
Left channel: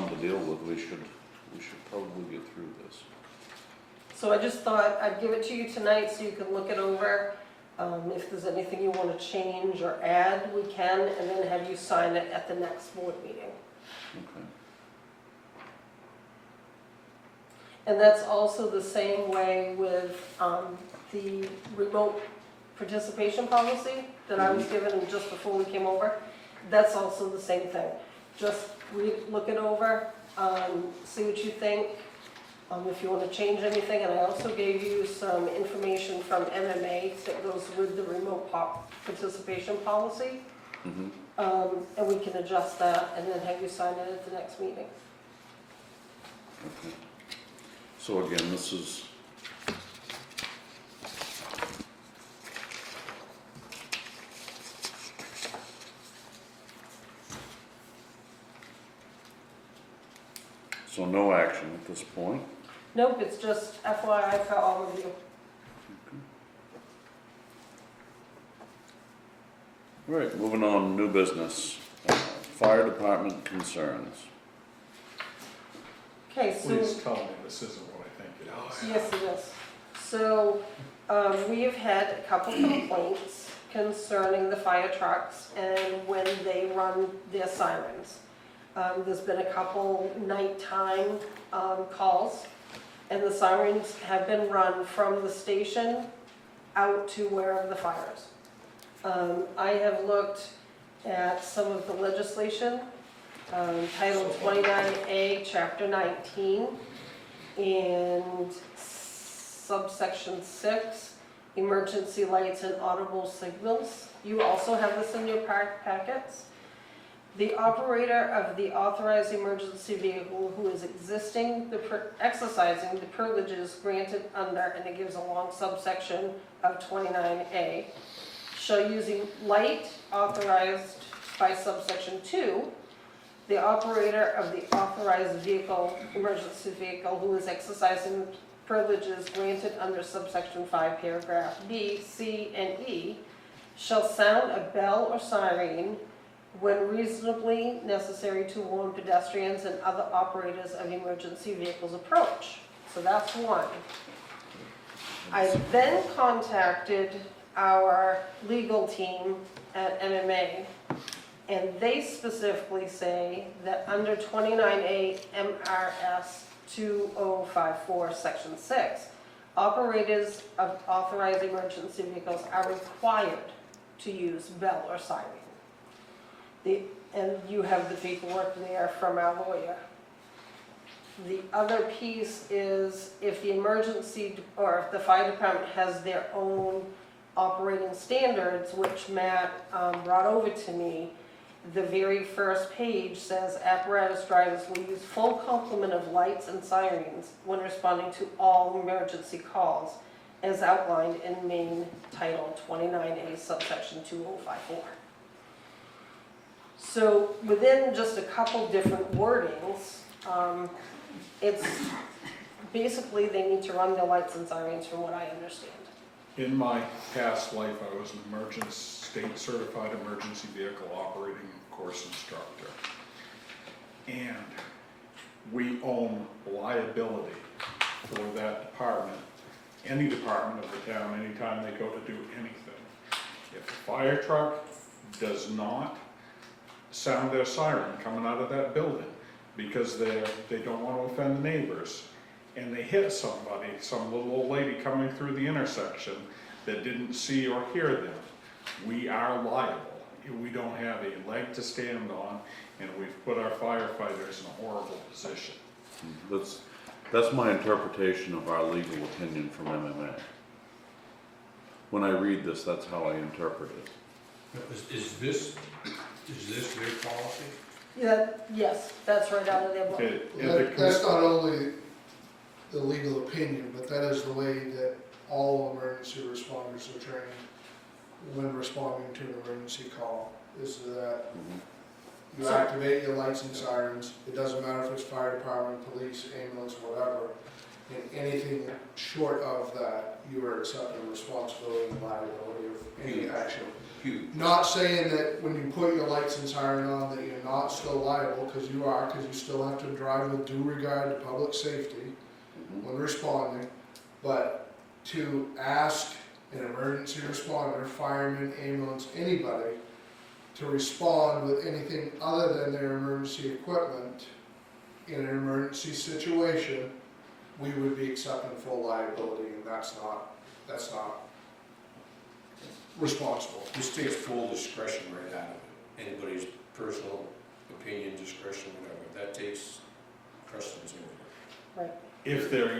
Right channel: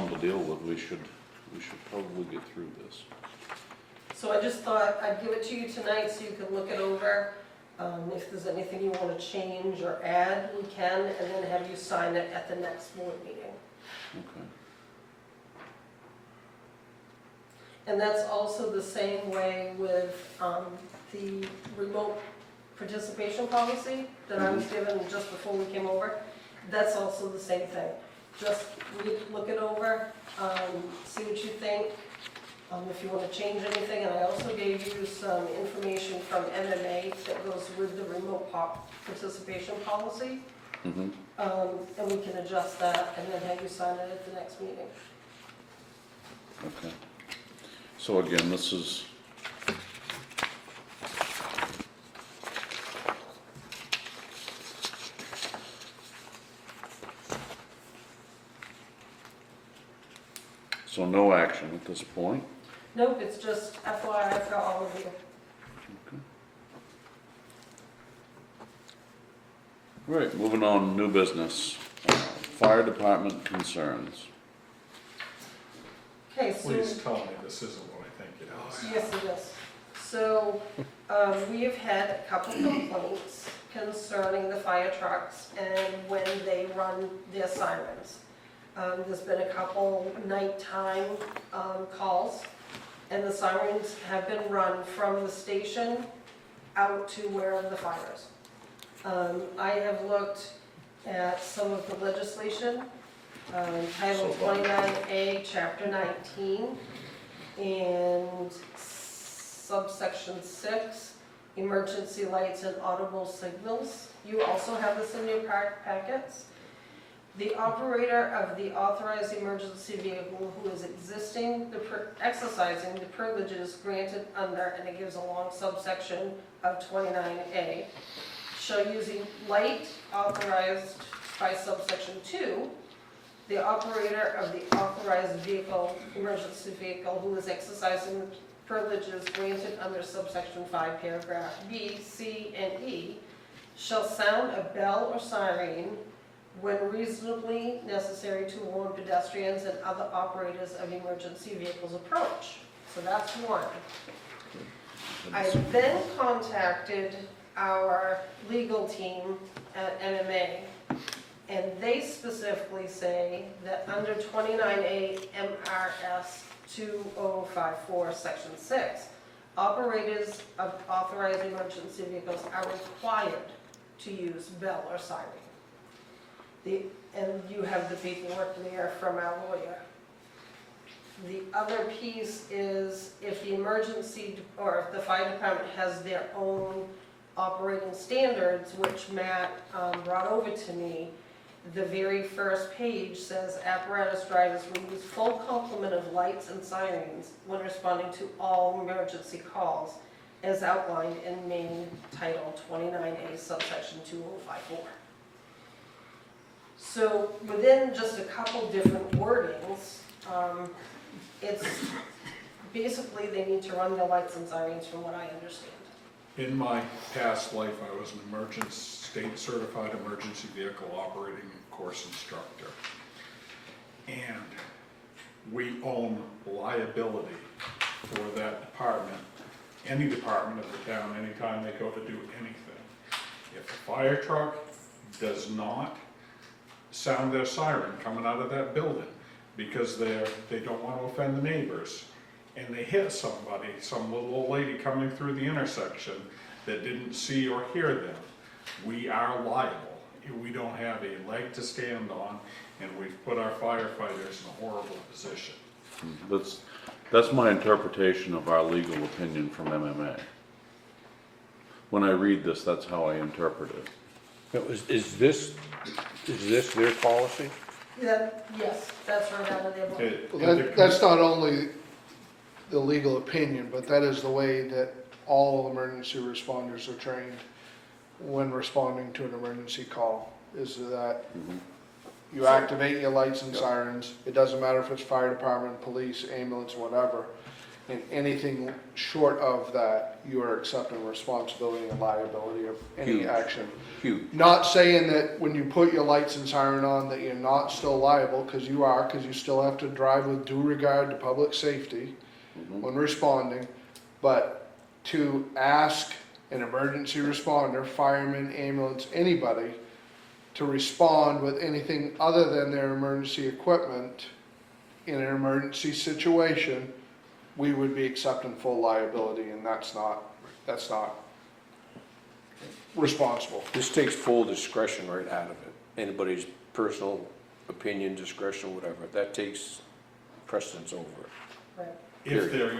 to deal with, we should probably get through this. So I just thought I'd give it to you tonight so you can look it over. If there's anything you want to change or add, we can, and then have you sign it at the next board meeting. Okay. And that's also the same way with the remote participation policy that I was given just before we came over. That's also the same thing. Just look it over, see what you think, if you want to change anything. And I also gave you some information from MMA that goes with the remote participation policy. Mhm. And we can adjust that and then have you sign it at the next meeting. Okay. So again, this is, so no action at this point. Nope, it's just FYI for all of you. All right, moving on, new business. Fire department concerns. Okay, so. Please tell me this isn't what I think it is. Yes, it is. So, we have had a couple complaints concerning the fire trucks and when they run their sirens. There's been a couple nighttime calls, and the sirens have been run from the station out to wherever the fire is. I have looked at some of the legislation, Title 29A, Chapter 19, and subsection 6, emergency lights and audible signals. You also have this in your packets. The operator of the authorized emergency vehicle who is exercising the privileges granted under, and it gives a long subsection of 29A, shall use a light authorized by subsection 2, the operator of the authorized vehicle, emergency vehicle, who is exercising the privileges granted under subsection 5, paragraph B, C, and E, shall sound a bell or siren when reasonably necessary to warn pedestrians and other operators of emergency vehicles approach. So that's one. I then contacted our legal team at MMA, And they specifically say that under 29A MRS 2054, Section 6, operators of authorized emergency vehicles are required to use bell or siren. And you have the paperwork there from our lawyer. The other piece is if the emergency, or if the fire department has their own operating standards, which Matt brought over to me, the very first page says apparatus drivers will use full complement of lights and sirens when responding to all emergency calls as outlined in Maine Title 29A subsection 2054. So within just a couple different wordings, it's basically they need to run their lights and sirens from what I understand. In my past life, I was an state certified emergency vehicle operating course instructor. And we own liability for that department, any department of the town, anytime they go to do anything. If a fire truck does not sound their siren coming out of that building because they don't want to offend the neighbors, and they hit somebody, some little old lady coming through the intersection that didn't see or hear them, we are liable. We don't have a leg to stand on, and we've put our firefighters in a horrible position. That's my interpretation of our legal opinion from MMA. When I read this, that's how I interpret it. Now, is this their policy? Yes, that's right out of their book. That's not only the legal opinion, but that is the way that all emergency responders are trained when responding to an emergency call, is that you activate your lights and sirens. It doesn't matter if it's fire department, police, ambulance, whatever. And anything short of that, you are accepting responsibility and liability of any Huge. action. Huge. Not saying that when you put your lights and siren on that you're not still liable, because you are, because you still have to drive with due regard to public safety when responding, but to ask an emergency responder, fireman, ambulance, anybody, to respond with anything other than their emergency equipment in an emergency situation, we would be accepting full liability, and that's not responsible. This takes full discretion right out of it. Anybody's personal opinion, discretion, whatever, that takes precedence over it. Right. If they're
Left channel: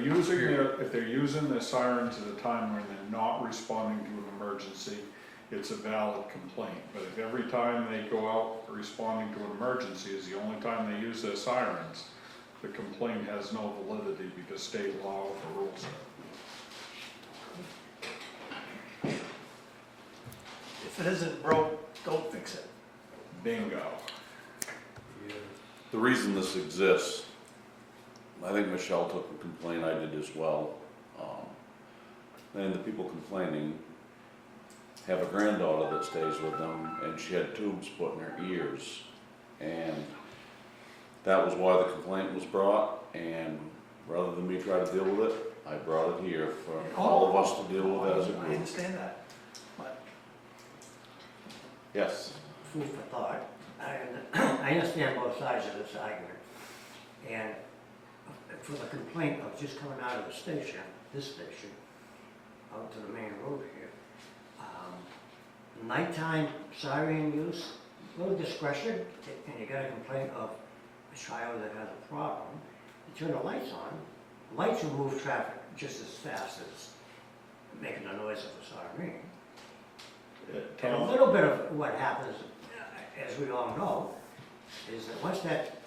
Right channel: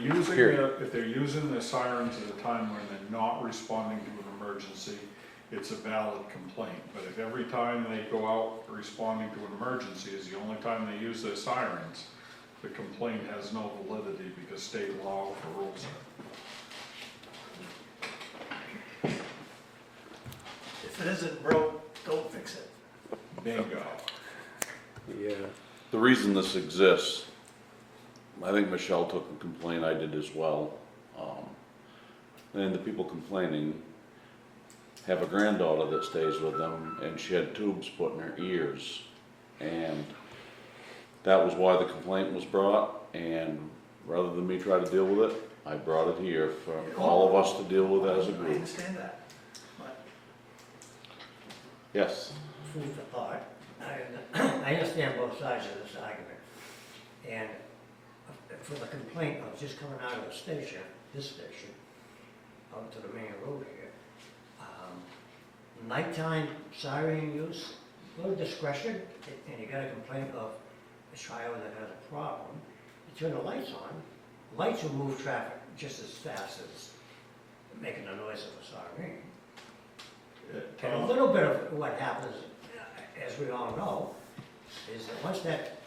using their sirens at a time when they're not responding to an emergency, it's a valid complaint. But if every time they go out responding to an emergency is the only time they use their sirens, the complaint has no validity because state law overrules it. If it isn't broke, don't fix it. Bingo. Yeah. The reason this exists, I think Michelle took a complaint, I did as well. And the people complaining have a granddaughter that stays with them, and she had tubes put in her ears. And that was why the complaint was brought, and rather than me try to deal with it, I brought it here for all of us to deal with as a I group. understand that. But Yes, Food for thought. I understand both sides of this argument. And for the complaint of just coming out of the station, this station, out to the main road here, nighttime siren use, little discretion, and you got a complaint of a child that has a problem, you turn the lights on, lights will move traffic just as fast as making the noise of a siren. And a little bit of what happens, as we all know, is that once that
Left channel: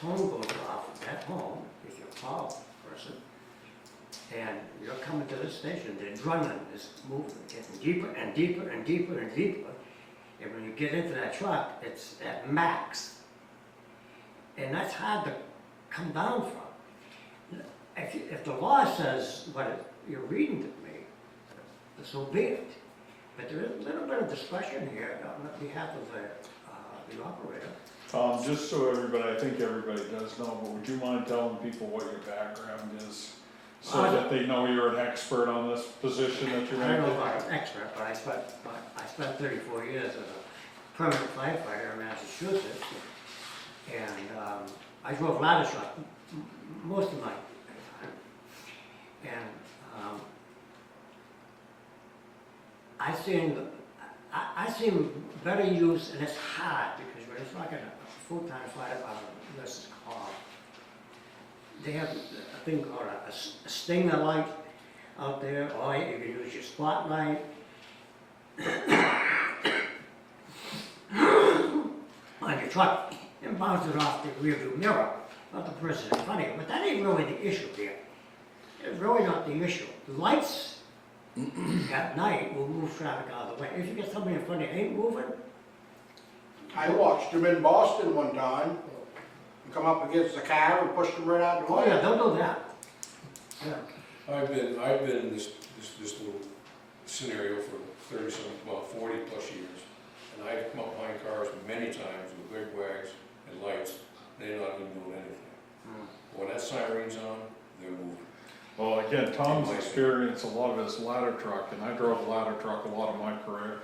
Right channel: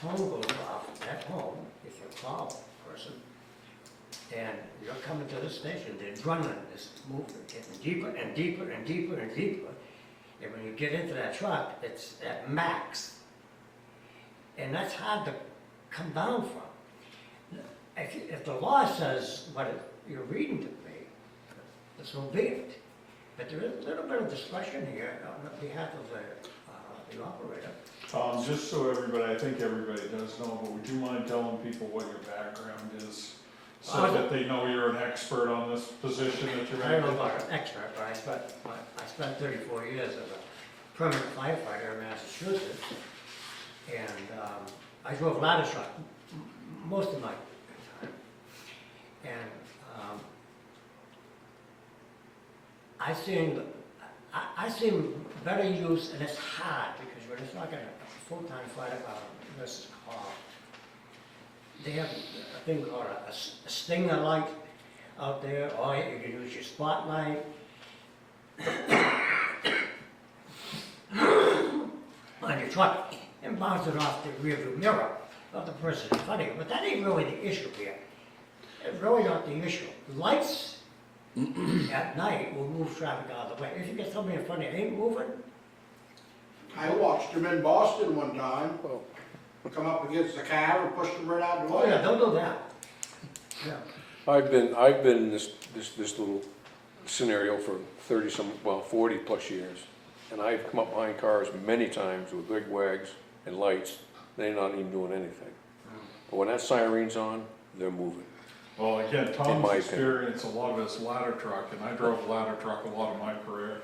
tone goes off at home, if you're a tall person, and you're coming to this station, the adrenaline is moving, getting deeper and deeper and deeper and deeper. And when you get into that truck, it's at max. And that's hard to come down from. If the law says what you're reading to me, so be it. But there is a little bit of discretion here on behalf of the operator. Tom, just so I think everybody does know, but would you mind telling people what your background is? So that they know you're an expert on this position that you're I don't know in? about an expert, but I spent 34 years as a permanent firefighter in Massachusetts, and I drove ladder truck most of my time. And I seen better use, and it's hard, because when it's like a full-time fire nurse's call, they have a thing called a stinger light out there, or you can use your spotlight. On your truck, and bounce it off the rearview mirror, not the person in front of you, but that ain't really the issue here. It's really not the issue. Lights at night will move traffic out of the way. If you get somebody in front of you ain't moving, I watched them in Boston one time, come up against the car and pushed them right out the oh yeah, way. they'll do that. Yeah. I've been in this little scenario for 40 plus years. And I've come up behind cars many times with big wags and lights, they're not even doing anything. But when that siren's on, they're moving. Well, again, In Tom's my experience, a lot of his ladder truck, and I drove a ladder truck a lot of my career.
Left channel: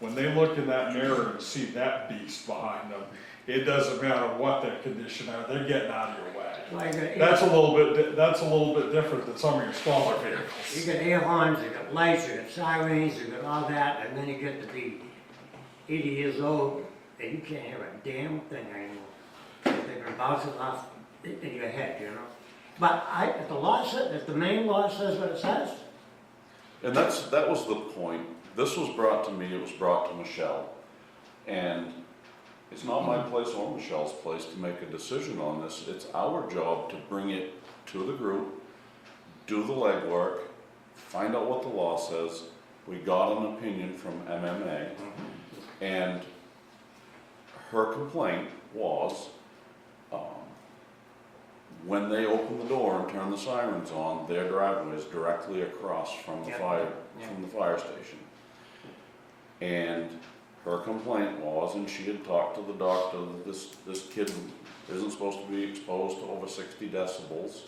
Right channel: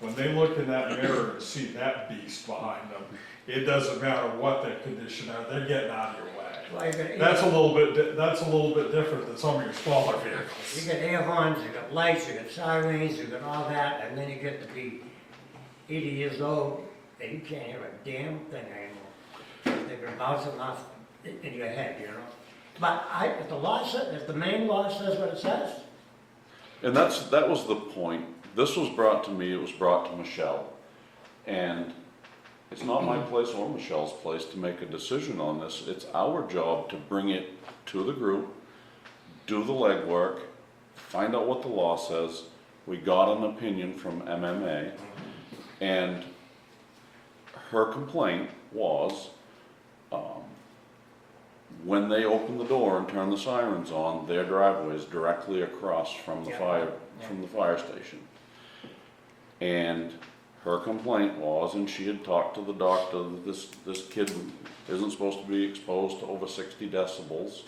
When they look in that mirror and see that beast behind them, it doesn't matter what their condition are, they're getting out of your way. Well, you got That's a little bit different than some of your smaller You vehicles. got air horns, you got lights, you got sirens, you got all that, and then you get to be 80 years old, and you can't hear a damn thing anymore. They're gonna bounce it off in your head, you know? But if the main law says what it says, And that was the point. This was brought to me, it was brought to Michelle. And it's not my place or Michelle's place to make a decision on this. It's our job to bring it to the group, do the legwork, find out what the law says. We got an opinion from MMA, and her complaint was, when they open the door and turn the sirens on, their driveway is directly across from the Yeah. fire station. And her complaint was, and she had talked to the doctor, that this kid isn't supposed to be exposed to over 60 decibels,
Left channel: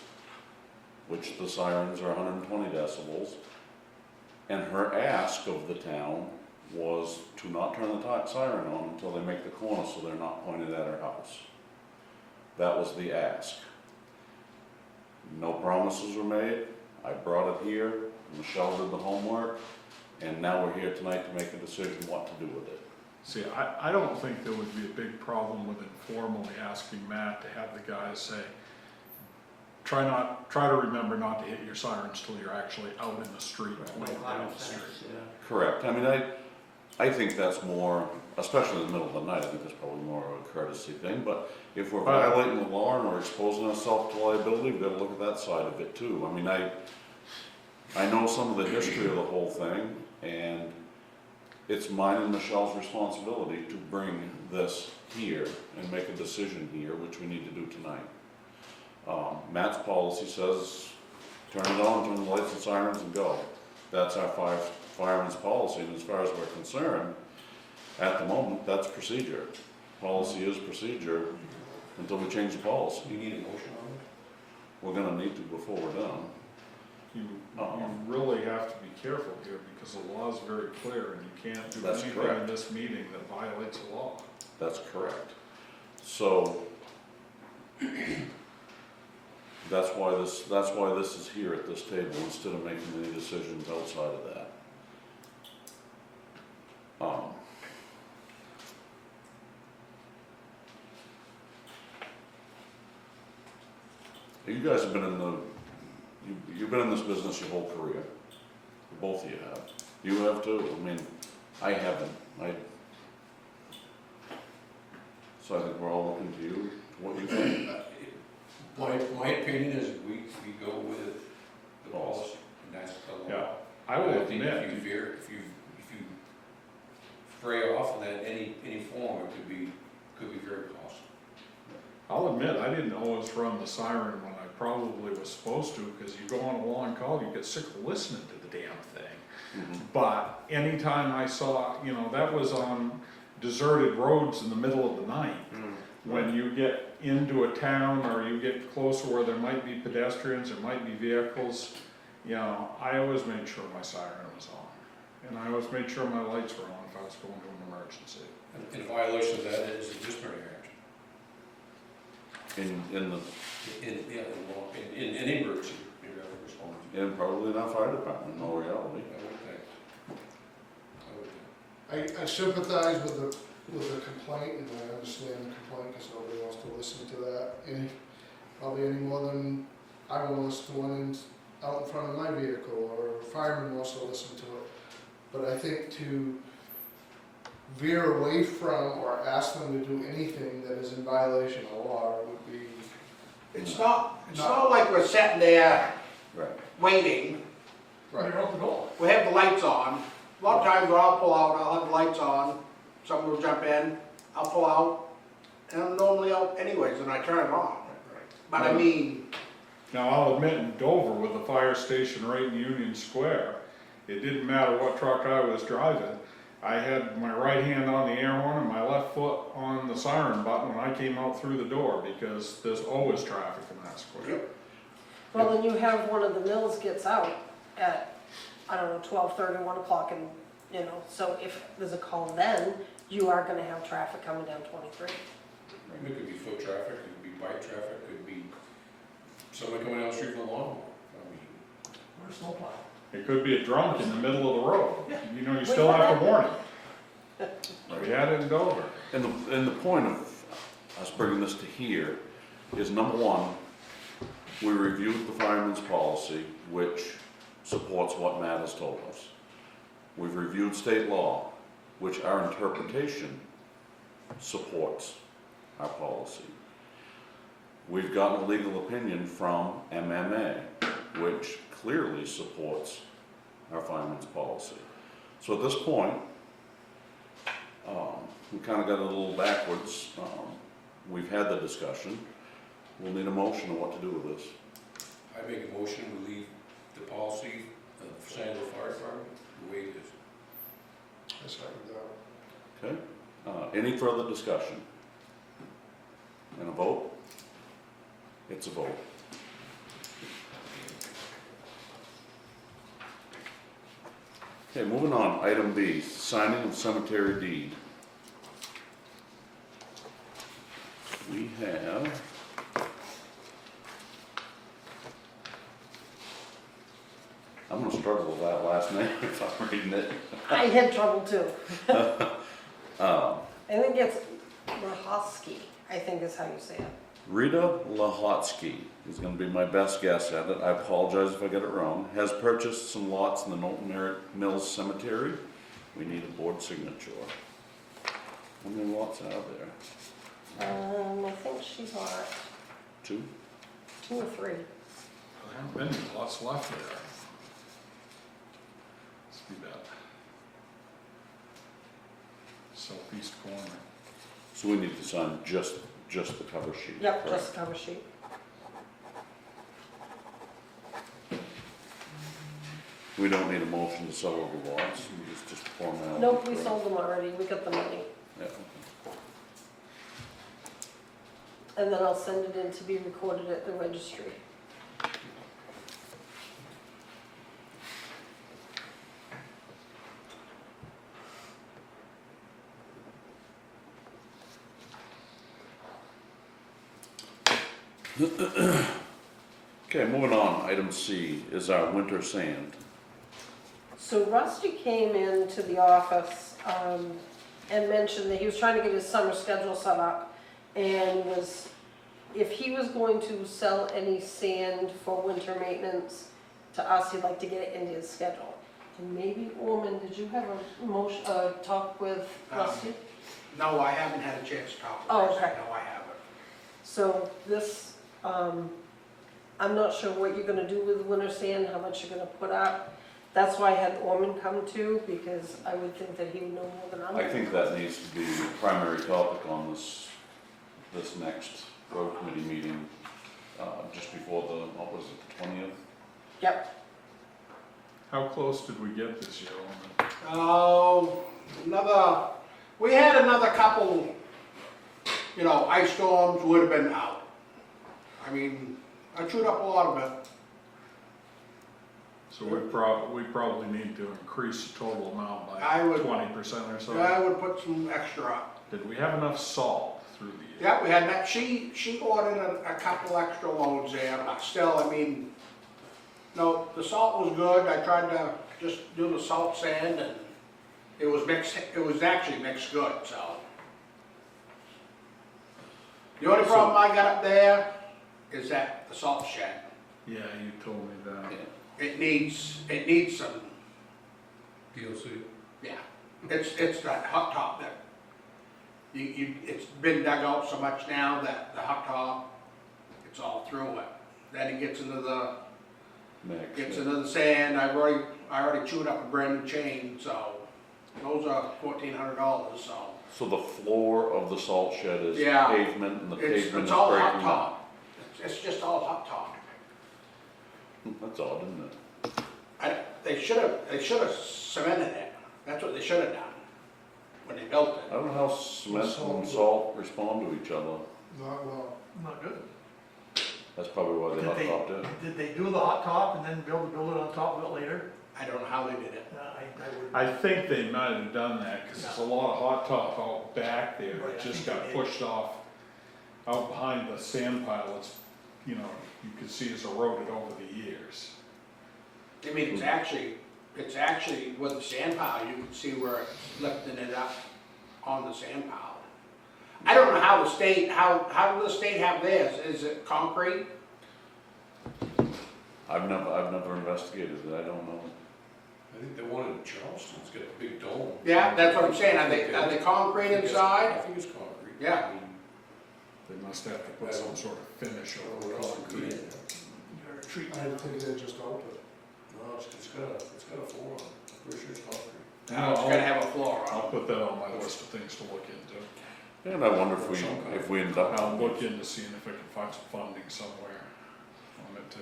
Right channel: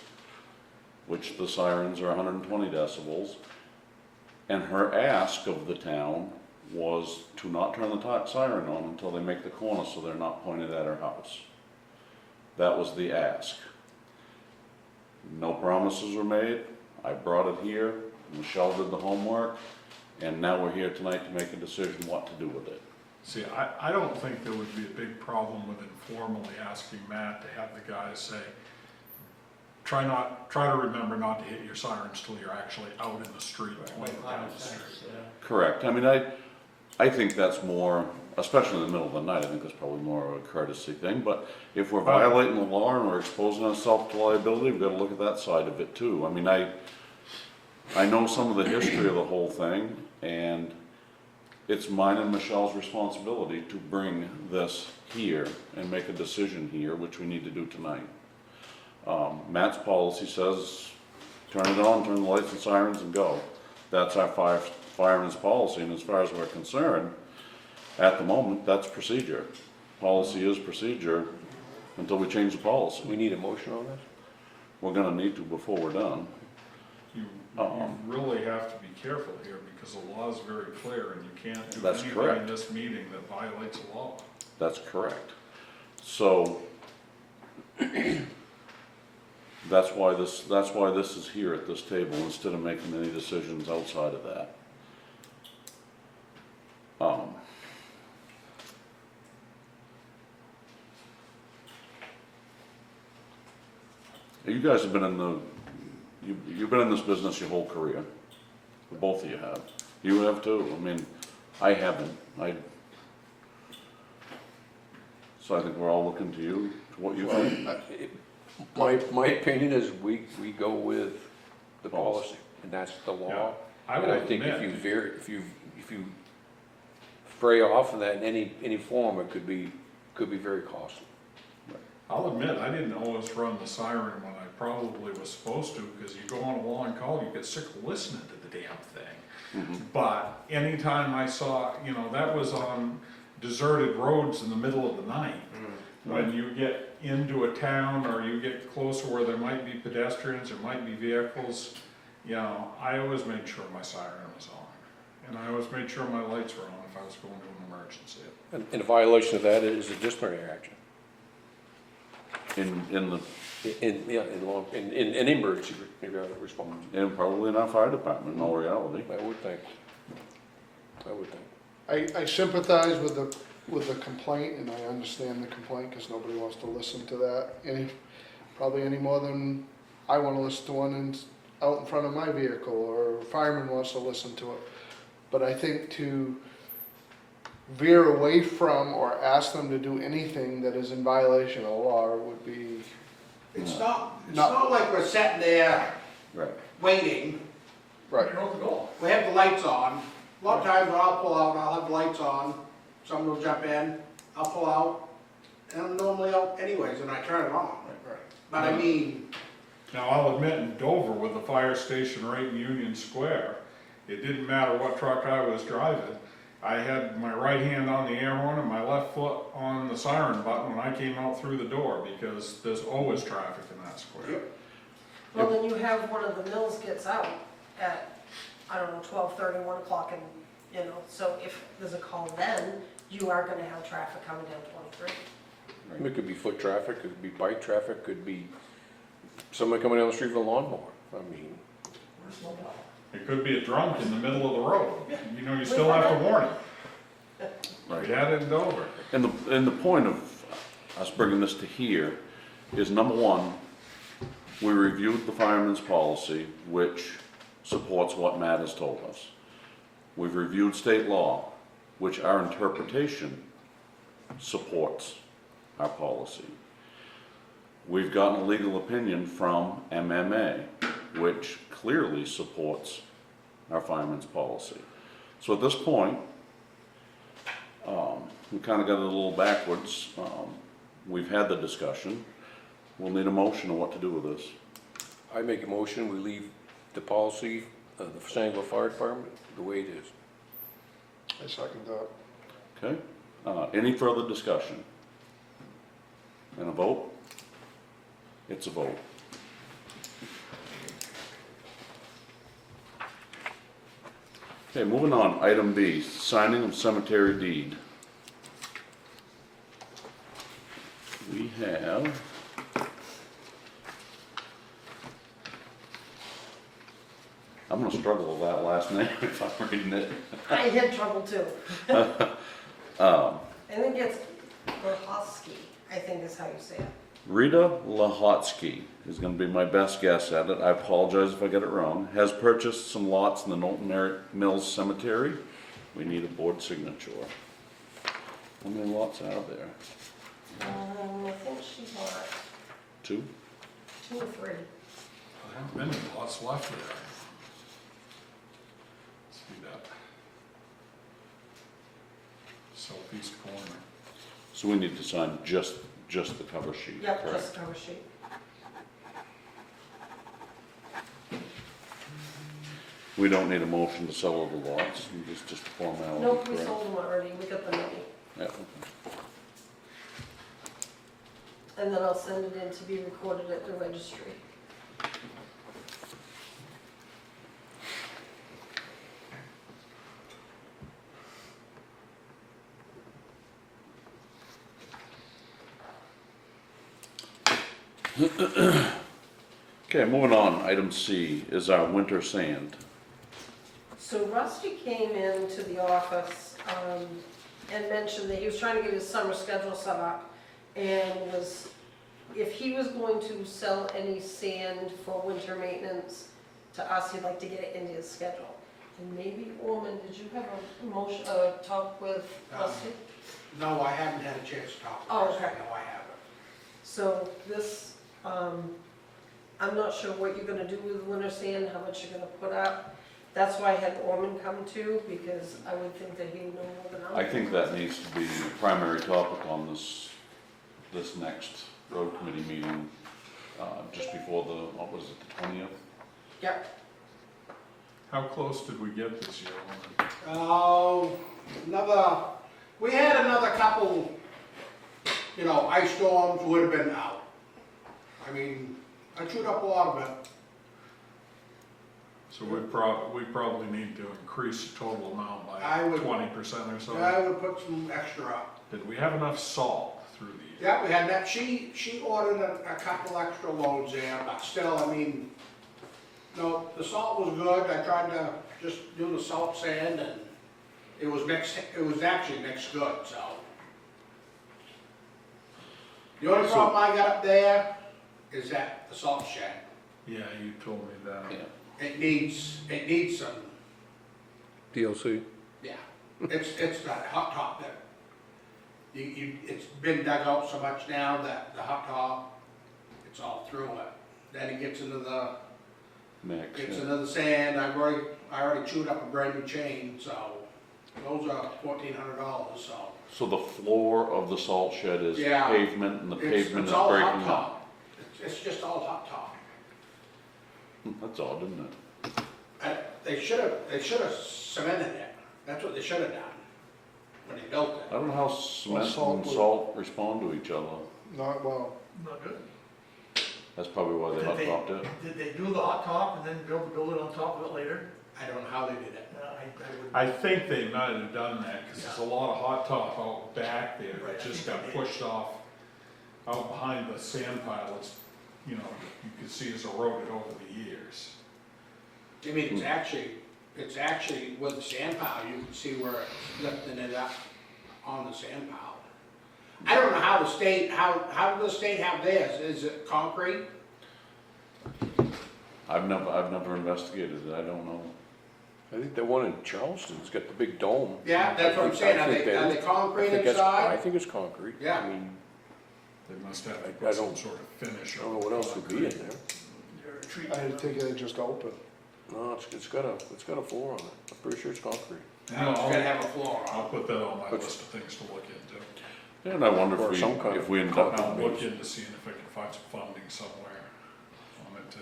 which the sirens are 120 decibels. And her ask of the town was to not turn the siren on until they make the corner so they're not pointed at her house. That was the ask. No promises were made. I brought it here, Michelle did the homework, and now we're here tonight to make a decision what to do with it. See, I don't think there would be a big problem with informally asking Matt to have the guys say, try to remember not to hit your sirens till you're actually out in the street, pointing down the street. Correct. I mean, I think that's more, especially in the middle of the night, I think that's probably more of a courtesy thing. But if we're violating the law and we're exposing ourselves to liability, we've got to look at that side of it too. I mean, I know some of the history of the whole thing, and it's mine and Michelle's responsibility to bring this here and make a decision here, which we need to do tonight. Matt's policy says, turn it on, turn the lights and sirens and go. That's our fireman's policy, and as far as we're concerned, at the moment, that's procedure. Policy is procedure until we change the policy. We need a motion on this? We're gonna need to before we're done. You really have to be careful here because the law is very clear and you can't do That's anything correct. in this meeting that violates the law. That's correct. So, that's why this is here at this table instead of making any decisions outside of that. You guys have been you've been in this business your whole career. Both of you have. You have too. I mean, I haven't. So I think we're all looking to you, to what you think. My opinion is we go with the policy, and that's the law. Yeah, I will think admit, if you stray off of that in any form, it could be very costly. I'll admit, I didn't always run the siren when I probably was supposed to, because you go on a long call, you get sick of listening to the damn thing. But anytime I saw, that was on deserted roads in the middle of the night. When you get into a town or you get closer where there might be pedestrians, there might be vehicles, I always made sure my siren was on. And I always made sure my lights were on. if I was going to an emergency. And a violation of that is a disciplinary action. In the, In any emergency, you have to respond. and probably in our fire department, in all reality. I would think. I would think. I sympathize with the complaint, and I understand the complaint, because nobody wants to listen to that probably any more than I want to listen to one out in front of my vehicle, or a fireman wants to listen to it. But I think to veer away from or ask them to do anything that is in violation of law would be, It's not like we're sitting there Right. waiting. right. We have the lights on. A lot of times when I'll pull out, I'll have the lights on, someone will jump in, I'll pull out, and I'm normally out anyways, and I turn it on. But I mean, Now, I'll admit, in Dover, with the fire station right in Union Square, it didn't matter what truck I was driving. I had my right hand on the air horn and my left foot on the siren button when I came out through the door, because there's always traffic in that square. Well, then you have one of the mills gets out at, I don't know, 12:30, 1 o'clock, and, you know, so if there's a call then, you are gonna have traffic coming down 23. It could be foot traffic, could be bike traffic, could be somebody coming down the street with a lawnmower. I mean, It could be a drunk in the middle of the road. You know, you still have to warn him. We had it in Dover. And the point of us bringing this to here is, number one, we reviewed the fireman's policy, which supports what Matt has told us. We've reviewed state law, which our interpretation supports our policy. We've gotten a legal opinion from MMA, which clearly supports our fireman's policy. So at this point, we kind of got it a little backwards. We've had the discussion. We'll need a motion on what to do with this. I make a motion, we leave the policy of the Sangerville Fire Department the way it is. I second that. Okay? Any further discussion? And a vote? It's a vote. Okay, moving on, item B, signing of cemetery deed. We have I'm gonna struggle with that last name if I'm reading it. I had trouble too. I think it's Rahosky, I think is how you say it. Rita Lahotsky is going to be my best guess at it. I apologize if I get it wrong. Has purchased some lots in the Knowlton Mills Cemetery. We need a board signature. How many lots are there? I think she bought 2? 2 or 3. There haven't been any lots left there. Let's see that. Southeast corner. So we need to sign just the cover sheet, Yep, correct? just cover sheet. We don't need a motion to sell over lots, just formality, Nope, we correct? sold them already, we got the money. Yeah, okay. And then I'll send it in to be recorded at the registry. Okay, moving on, item C is our winter sand. So Rusty came into the office and mentioned that he was trying to get his summer schedule set up, and was, if he was going to sell any sand for winter maintenance to us, he'd like to get it into his schedule. And maybe, Orman, did you have a motion, talk with Rusty? no, I haven't had a chance to talk Oh, to this, okay. no, I haven't. So this, I'm not sure what you're gonna do with the winter sand, how much you're gonna put up. That's why I had Orman come too, because I would think that he would know more than I I do. think that needs to be the primary topic on this next road committee meeting, just before the, what was it, the 20th? Yep, How close did we get this year on it? Oh, we had another couple, ice storms would have been out. I mean, I chewed up a lot of it. So we probably need to increase the total amount by I would- 20% or so. I would put some extra up. Did we have enough salt through the year? Yeah, we had that, she ordered a couple extra loads there, but still, I mean, no, the salt was good, I tried to just do the salt sand and it was actually mixed good, so. The only problem I got up there is that the salt shed, Yeah, you told me that. Yeah. it needs some, DLC. yeah, it's that hot top that, it's been dug out so much now that the hot top, it's all through it. Then it gets into the Mix, Gets yeah. into the sand, I already chewed up a brand new chain, so those are $1,400, so. So the floor of the salt shed is Yeah. pavement and the It's pavement is all hot breaking up? top. It's just all hot top. That's odd, isn't it? They should have cemented it, that's what they should have done when they built I it. don't know how cement salt and would- salt respond to each other. Not well. Not good. That's probably why they Did hot they- topped it. Did they do the hot top and then build it on top of it later? I don't know how they did it. I think they might have done that, cause there's a lot of hot top out back there Right, that I just think got they did. pushed off out behind the sand pile. It's, you know, you can see it's eroded over the years. I mean, it's actually with the sand pile, you can see where it's lifting it up on the sand pile. I don't know how the state, how do the state have theirs? Is it concrete? I've never investigated it, I don't know. I think the one in Charleston's got the big dome. Yeah, that's what I'm saying, I think are they I concrete think that's- I inside? think it's concrete. Yeah. I mean, They must have to I put some don't- sort of finish I don't know over what else would be in concrete. there. I take it just open. No, it's got a floor on it. I'm pretty sure it's concrete. No, it's gonna have a floor I'll on put that on my list of things to look into. And I wonder Or some kind if of we end up, I'll look into seeing if I can find some funding somewhere on it too.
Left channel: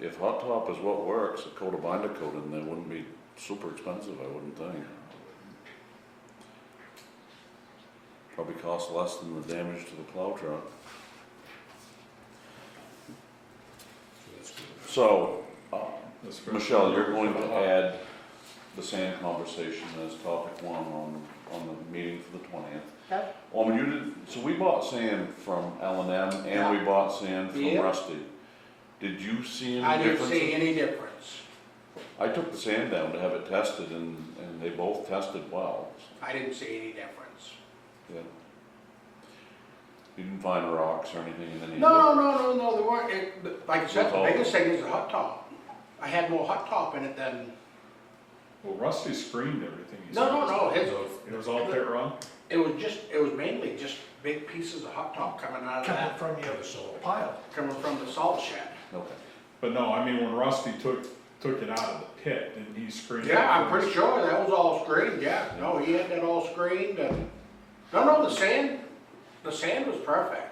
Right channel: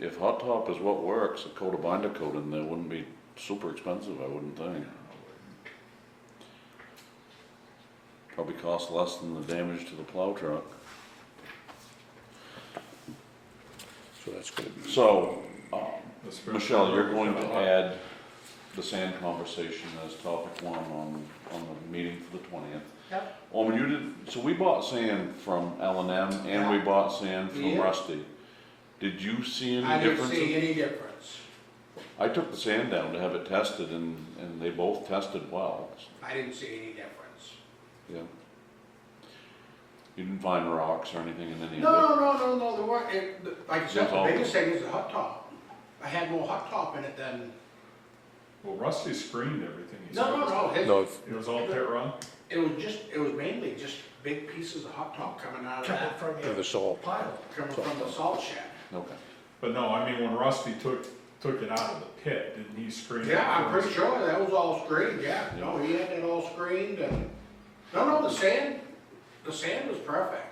if hot top is what works, a coat of binder coat in there wouldn't be super expensive, I wouldn't think. Probably cost less than the damage to the plow truck. So that's gonna be. So, Especially Michelle, you're going for the to hot- add the sand conversation as topic one on the meeting for the 20th. Yep. You did, so we bought sand from L&M and we bought sand from Yeah. Rusty. Did you see I any didn't differences? see any difference. I took the sand down to have it tested and they both tested well, I didn't see any difference. yeah. You didn't find rocks or anything in any of it? No, there weren't, like I said, That's the all. biggest thing is the hot top. I had more hot top in it than, Well, Rusty screened everything, he said. no, No, It was all pit run? it was mainly just big pieces of hot top coming out of Coming that, from for your the salt. pile. coming from the salt shed. Okay. But no, I mean, when Rusty took it out of the pit, didn't he screen it? Yeah, I'm first? pretty sure that was all screened, yeah. No, he had that all screened and, no, the sand was perfect.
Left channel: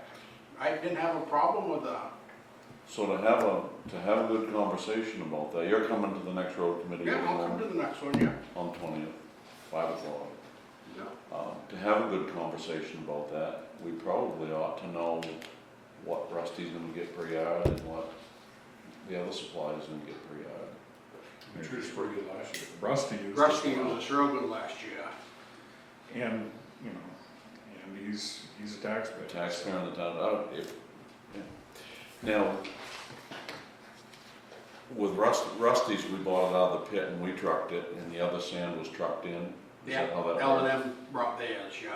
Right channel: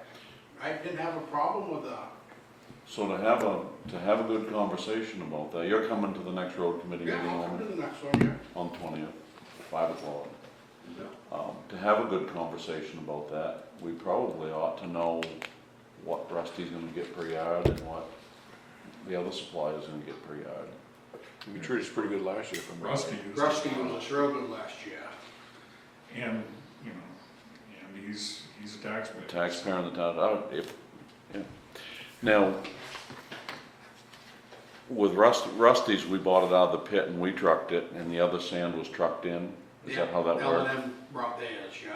I didn't have a problem with that. So to have a good conversation about that, you're coming to the next road committee Yeah, meeting I'll come to the next one, yeah. on 20th, 5 o'clock. To have a good conversation about that, we probably ought to know what Rusty's gonna get per yard and what the other supplier's gonna get per yard. We treated us pretty good last year. Rusty used it Rusty well. was real good last year. And, you know, and he's a taxpayer. Taxpayer in the town, yeah. Now, with Rusty's, we bought it out of the pit and we trucked it, and the other sand was trucked in? Is that how that worked? L&M brought theirs, yeah.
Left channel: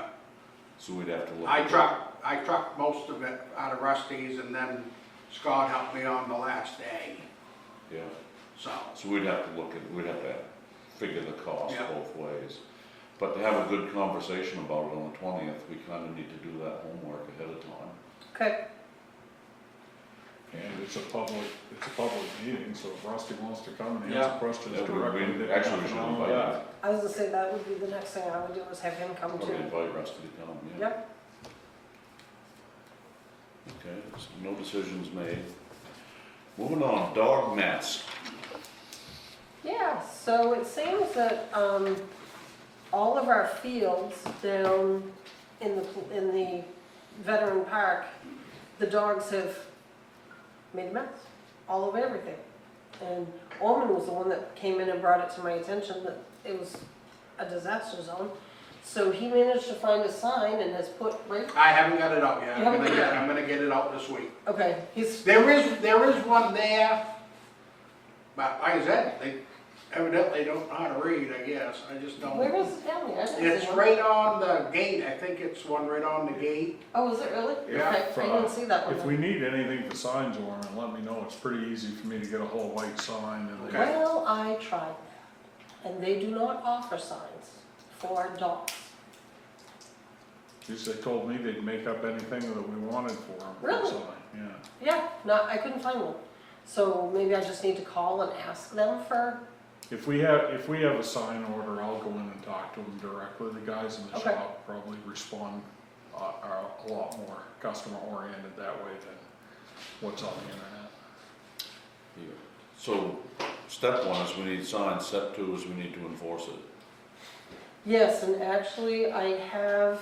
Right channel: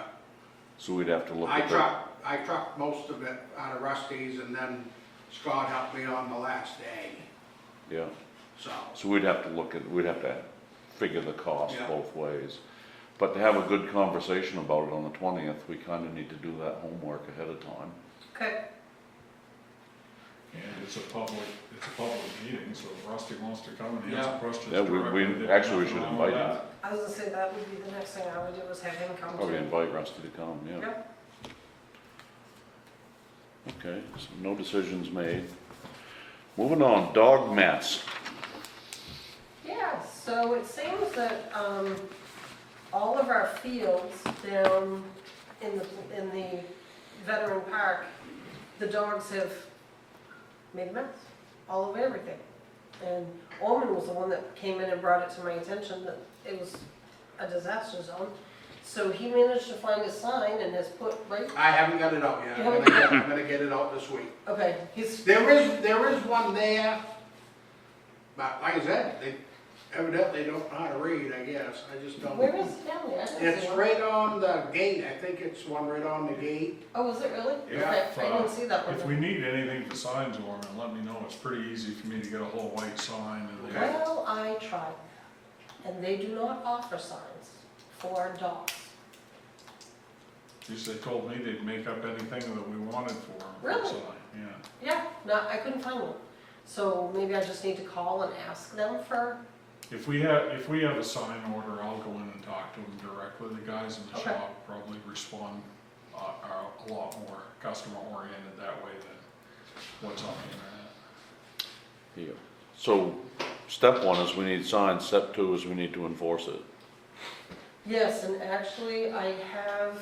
So we'd have to look I at that. trucked most of it out of Rusty's and then Scott helped me on the last day, Yeah, so. so we'd have to figure the cost Yeah. both ways. But to have a good conversation about it on the 20th, we kinda need to do that homework ahead of time. Okay, And it's a public meeting, so if Rusty wants to come and Yeah. answer questions Yeah, directly. there'd be actually, we nothing should wrong with invite him. that. I was gonna say that would be the next thing I would do is have him come to. Probably invite Rusty to come, yeah. Yep, Okay, so no decisions made. Moving on, dog mess. yeah, so it seems that, all of our fields down in the veteran park, the dogs have made a mess all over everything. And Orman was the one that came in and brought it to my attention that it was a disaster zone. So he managed to find a sign and has put right, I haven't got it out yet. You haven't got I'm gonna get it out this week. okay, he's, There is one there, but like I said, they evidently don't know how to read, I guess. I just don't. where is it down there? I didn't It's see one. right on the gate. I think it's one right on the gate. Oh, is it really? Yeah, Okay, I didn't see that one. If we need anything for signs, Orman, let me know. It's pretty easy for me to get a whole white sign and they, Well, I tried, and they do not offer signs for dogs. just they told me they'd make up anything that we wanted for them. Really? Yeah. Yeah, no, I couldn't find one. So maybe I just need to call and ask them for, If we have a sign order, I'll go in and talk to them directly. The guys in the Okay. shop probably respond, are a lot more customer oriented that way than what's on the internet. Yeah. So, step one is we need signs, step two is we need to enforce it. yes, and actually I have,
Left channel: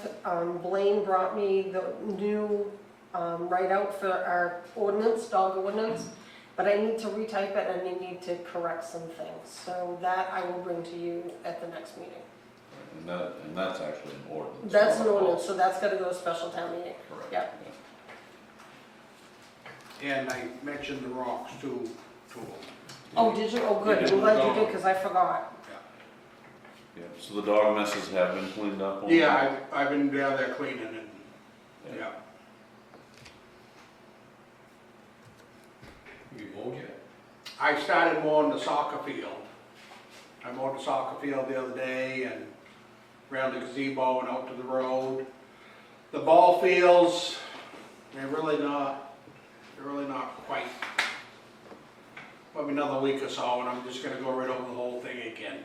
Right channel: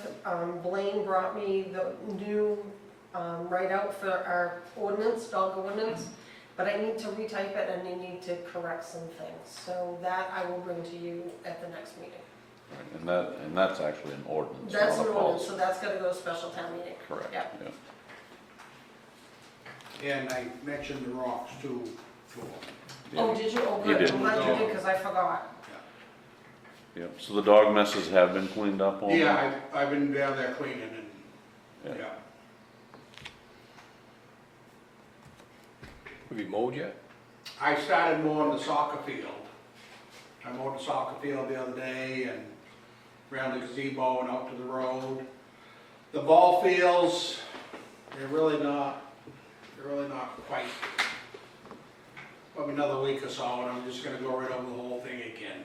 Blaine brought me the new, write-out for our ordinance, dog ordinance, but I need to retype it and I need to correct some things. So that I will bring to you at the next meeting. And that's actually an ordinance, That's not an a ordinance, policy. so that's gonna go to special town meeting. Correct, Yeah. yeah. And I mentioned the rocks too, to them. Oh, did you? Oh, You good, did. I'm glad you did, because I forgot. Yep, so the dog messes have been cleaned up on? Yeah, I've been down there cleaning and, Yeah. yeah. Have you mowed yet? I started mowing the soccer field. I mowed the soccer field the other day and around the gazebo and out to the road. The ball fields, they're really not quite. Probably another week or so and I'm just gonna go right over the whole thing again,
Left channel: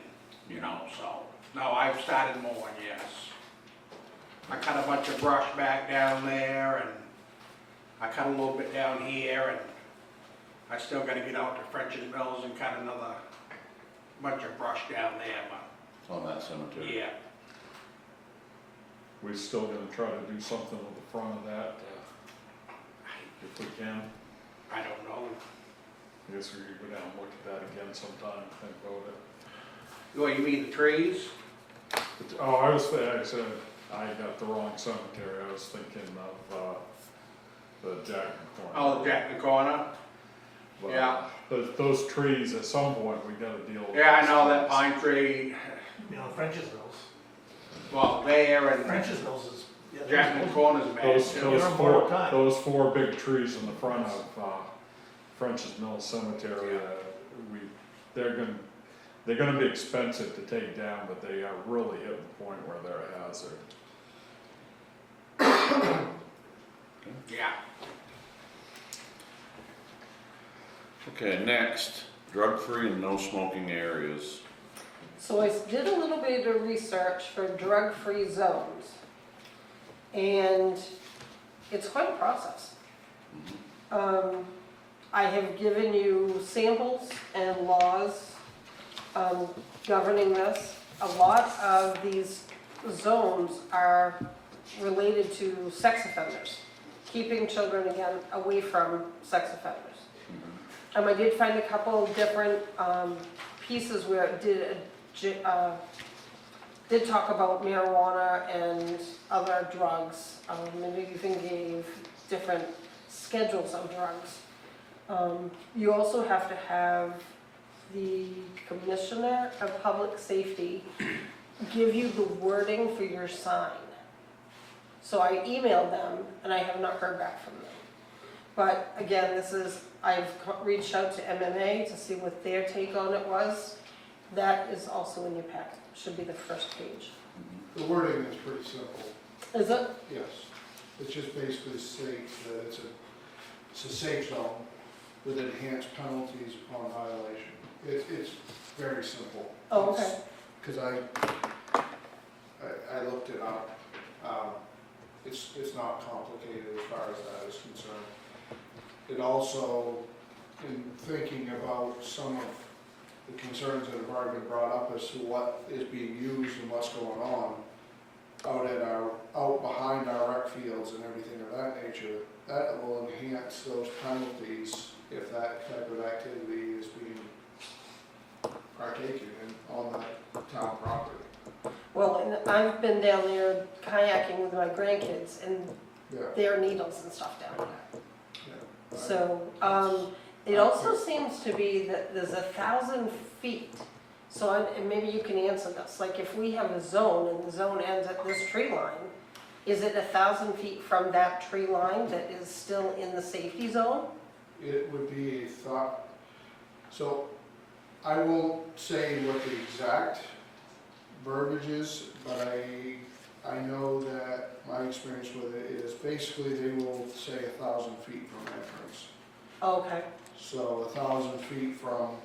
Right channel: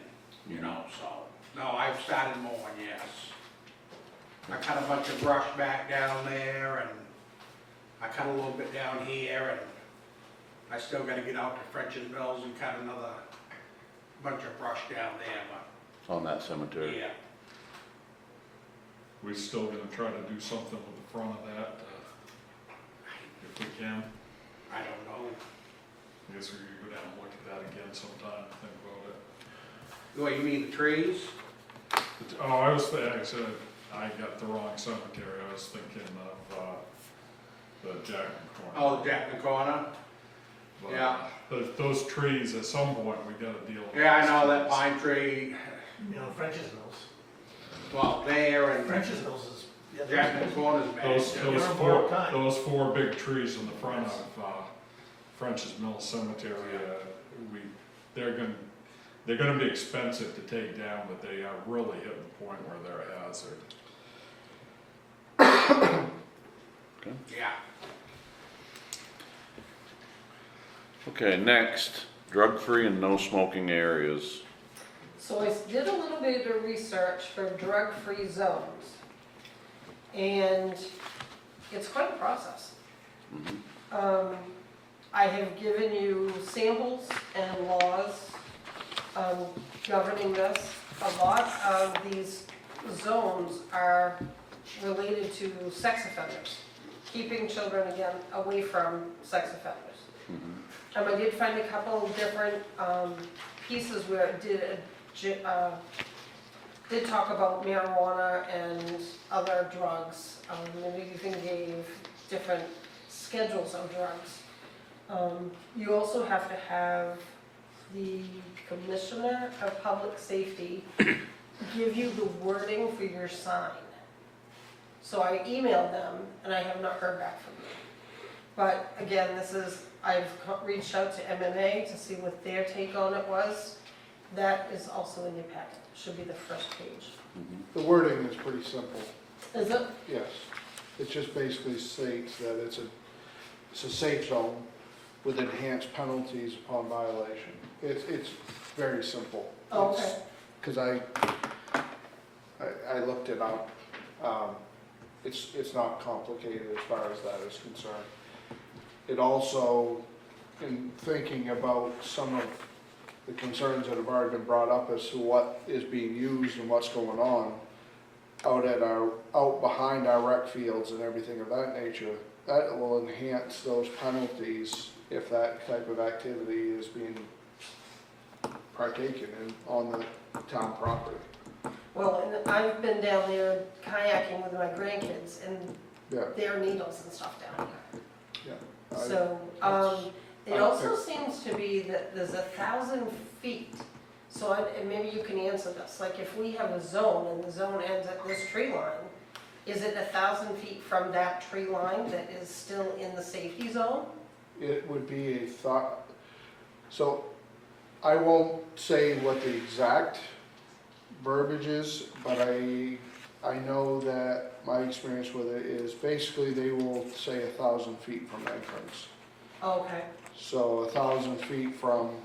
you know, so. No, I've started mowing, yes. I cut a bunch of brush back down there and I cut a little bit down here and I still gotta get out to French's Mills and cut another bunch of brush down there, It's on that cemetery. but, yeah. We're still gonna try to do something with the front of that, if we can. I don't know. I guess we could go down and look at that again sometime, think about it. What, you mean the trees? Oh, I said, I got the wrong cemetery, I was thinking of, the Jack Corner. Oh, Jack the Corner? But yeah. Those trees, at some point, we gotta deal with. Yeah, I those know that trees. pine tree, You know, French's Mills. well, there and French's Mills is. yeah, Jack the Corner's bad. Those, Yeah, those they're on four, borrowed time. those four big trees in the front of, French's Mill Cemetery, they're gonna be expensive to take down, but they are really hitting the point where they're a hazard. Yeah. Okay, next, drug-free and no smoking areas. So I did a little bit of research for drug-free zones. And it's quite a process. I have given you samples and laws governing this. A lot of these zones are related to sex offenders, keeping children, again, away from sex offenders. I did find a couple of different pieces where it did talk about marijuana and other drugs, and it even gave different schedules of drugs. You also have to have the Commissioner of Public Safety give you the wording for your sign. So I emailed them, and I have not heard back from them. But again, I've reached out to MMA to see what their take on it was. That is also in your packet, should be the first page. The wording is pretty simple, Is it? yes. It just basically states that it's a safe zone with enhanced penalties upon violation. It's very simple. Oh, okay. Because I looked it up. It's not complicated as far as that is concerned. It also, in thinking about some of the concerns that have already been brought up as to what is being used and what's going on out behind our rec fields and everything of that nature, that will enhance those penalties if that type of activity is being partaken in on the town property. Well, and I've been down there kayaking with my grandkids, and Yeah, there are needles and stuff down there. yeah. So, it also seems to be that there's 1,000 feet. So and maybe you can answer this, like if we have a zone and the zone ends at this tree line, is it 1,000 feet from that tree line that is still in the safety zone? It would be a thought, so I won't say what the exact verbiage is, but I know that my experience with it is basically they will say 1,000 feet from entrance. Okay, So 1,000 feet from,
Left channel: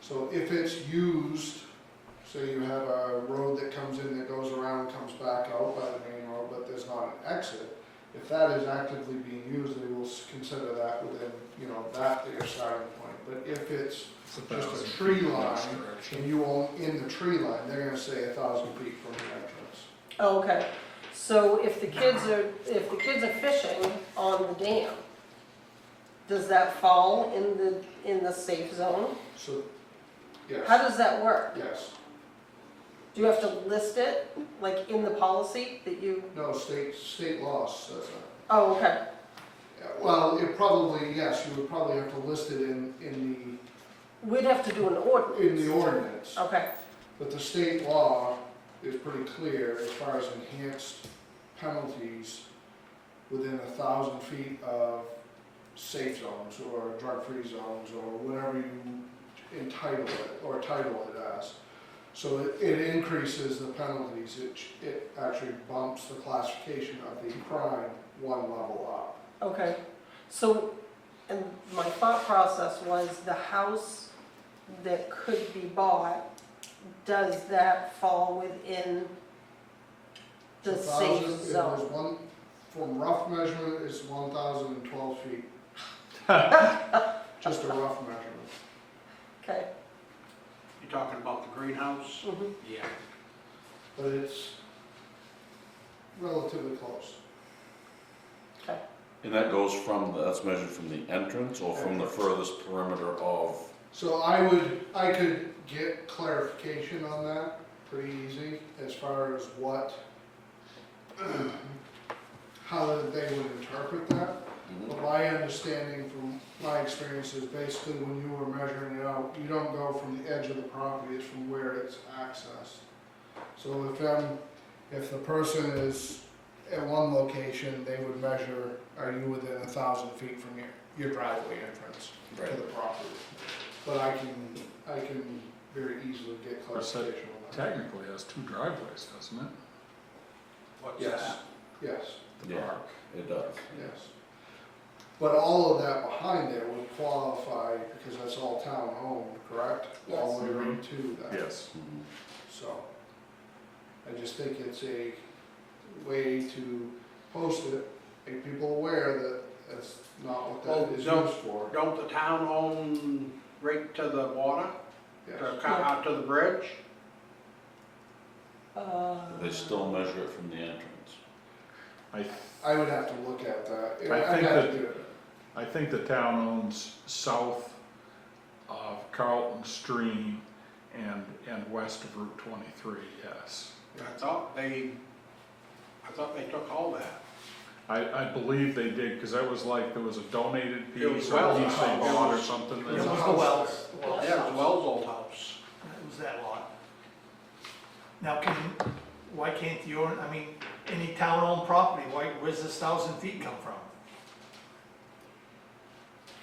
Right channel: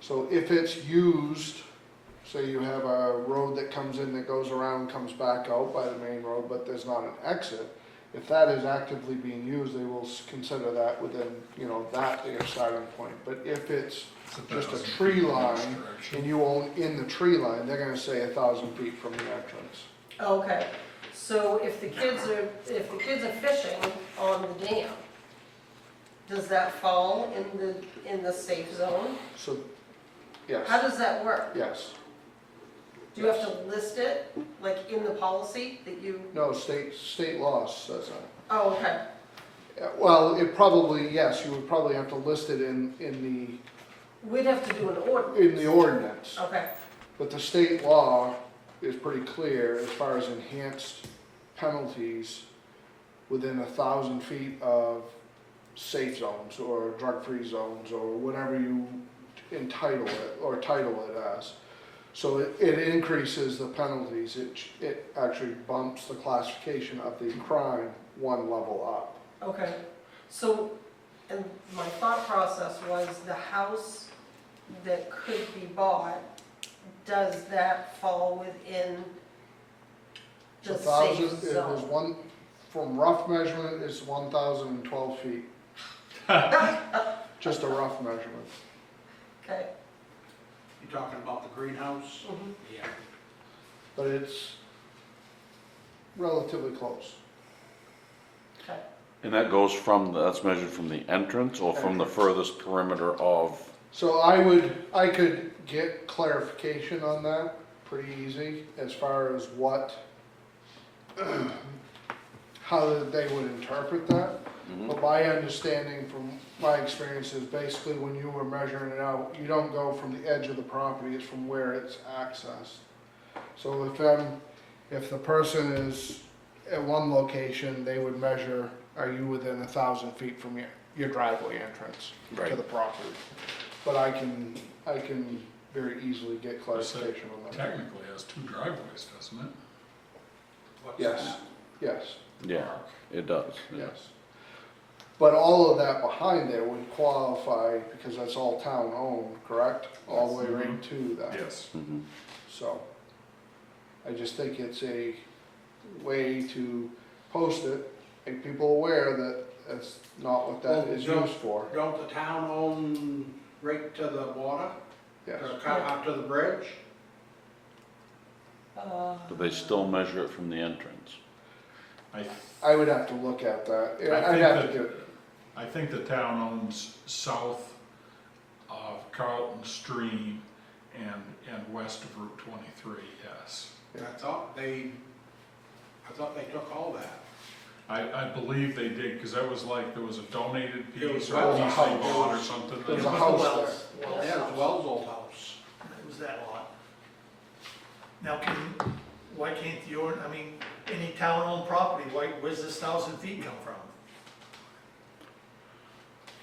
so if it's used, say you have a road that comes in that goes around, comes back out by the main road, but there's not an exit, if that is actively being used, they will consider that within, you know, that their starting point. But if it's just a tree line and you own in the tree line, they're gonna say 1,000 feet from the entrance. okay. So if the kids are fishing on the dam, does that fall in the safe zone? So, yes, How does that work? yes. Do you have to list it, like in the policy that you, No, state law says that. oh, okay, Yeah, well, it probably, yes, you would probably have to list it in we'd have to do an the ordinance. ordinance. Okay, But the state law is pretty clear as far as enhanced penalties within 1,000 feet of safe zones or drug-free zones or whatever you entitle it or title it as. So it increases the penalties, it actually bumps the classification of the crime one level up. okay. So, and my thought process was the house that could be bought, does that fall within So the 1,000, safe there's zone? one, from rough measurement, is 1,012 feet. Just a rough measurement. Okay. You talking about the greenhouse? Mhm. Yeah. But it's relatively close. Okay. And that goes from, that's measured from the entrance or from the furthest perimeter of, So I could get clarification on that pretty easy as far as what, how they would interpret that. But my understanding from my experience is basically when you were measuring it out, you don't go from the edge of the property, it's from where it's accessed. So if the person is at one location, they would measure, are you within 1,000 feet from your driveway entrance to Right. the property? But I can very easily get clarification on that. Technically has 2 driveways, doesn't it? What's Yes, that? yes, The Yeah. park. it does. yes. But all of that behind there would qualify because that's all town owned, correct? All the way right to that. Yes. Mhm. So, I just think it's a way to post it, make people aware that that's not what that is Oh, used for. Don't the town own right to the water, Yes, out to the bridge? But they still measure it from the entrance. I would have to look at that. I I'd think have that- to do it. I think the town owns south of Carlton Stream and west of Route 23, yes. I thought they took all that. I believe they did, because that was like, there was a donated It was piece or a Wells' piece they house. bought or something. There was a It was house the there. Wells. Yeah, it was Wells' old house. It was that lot. Now, why can't any town-owned property, where's this 1,000 feet come from?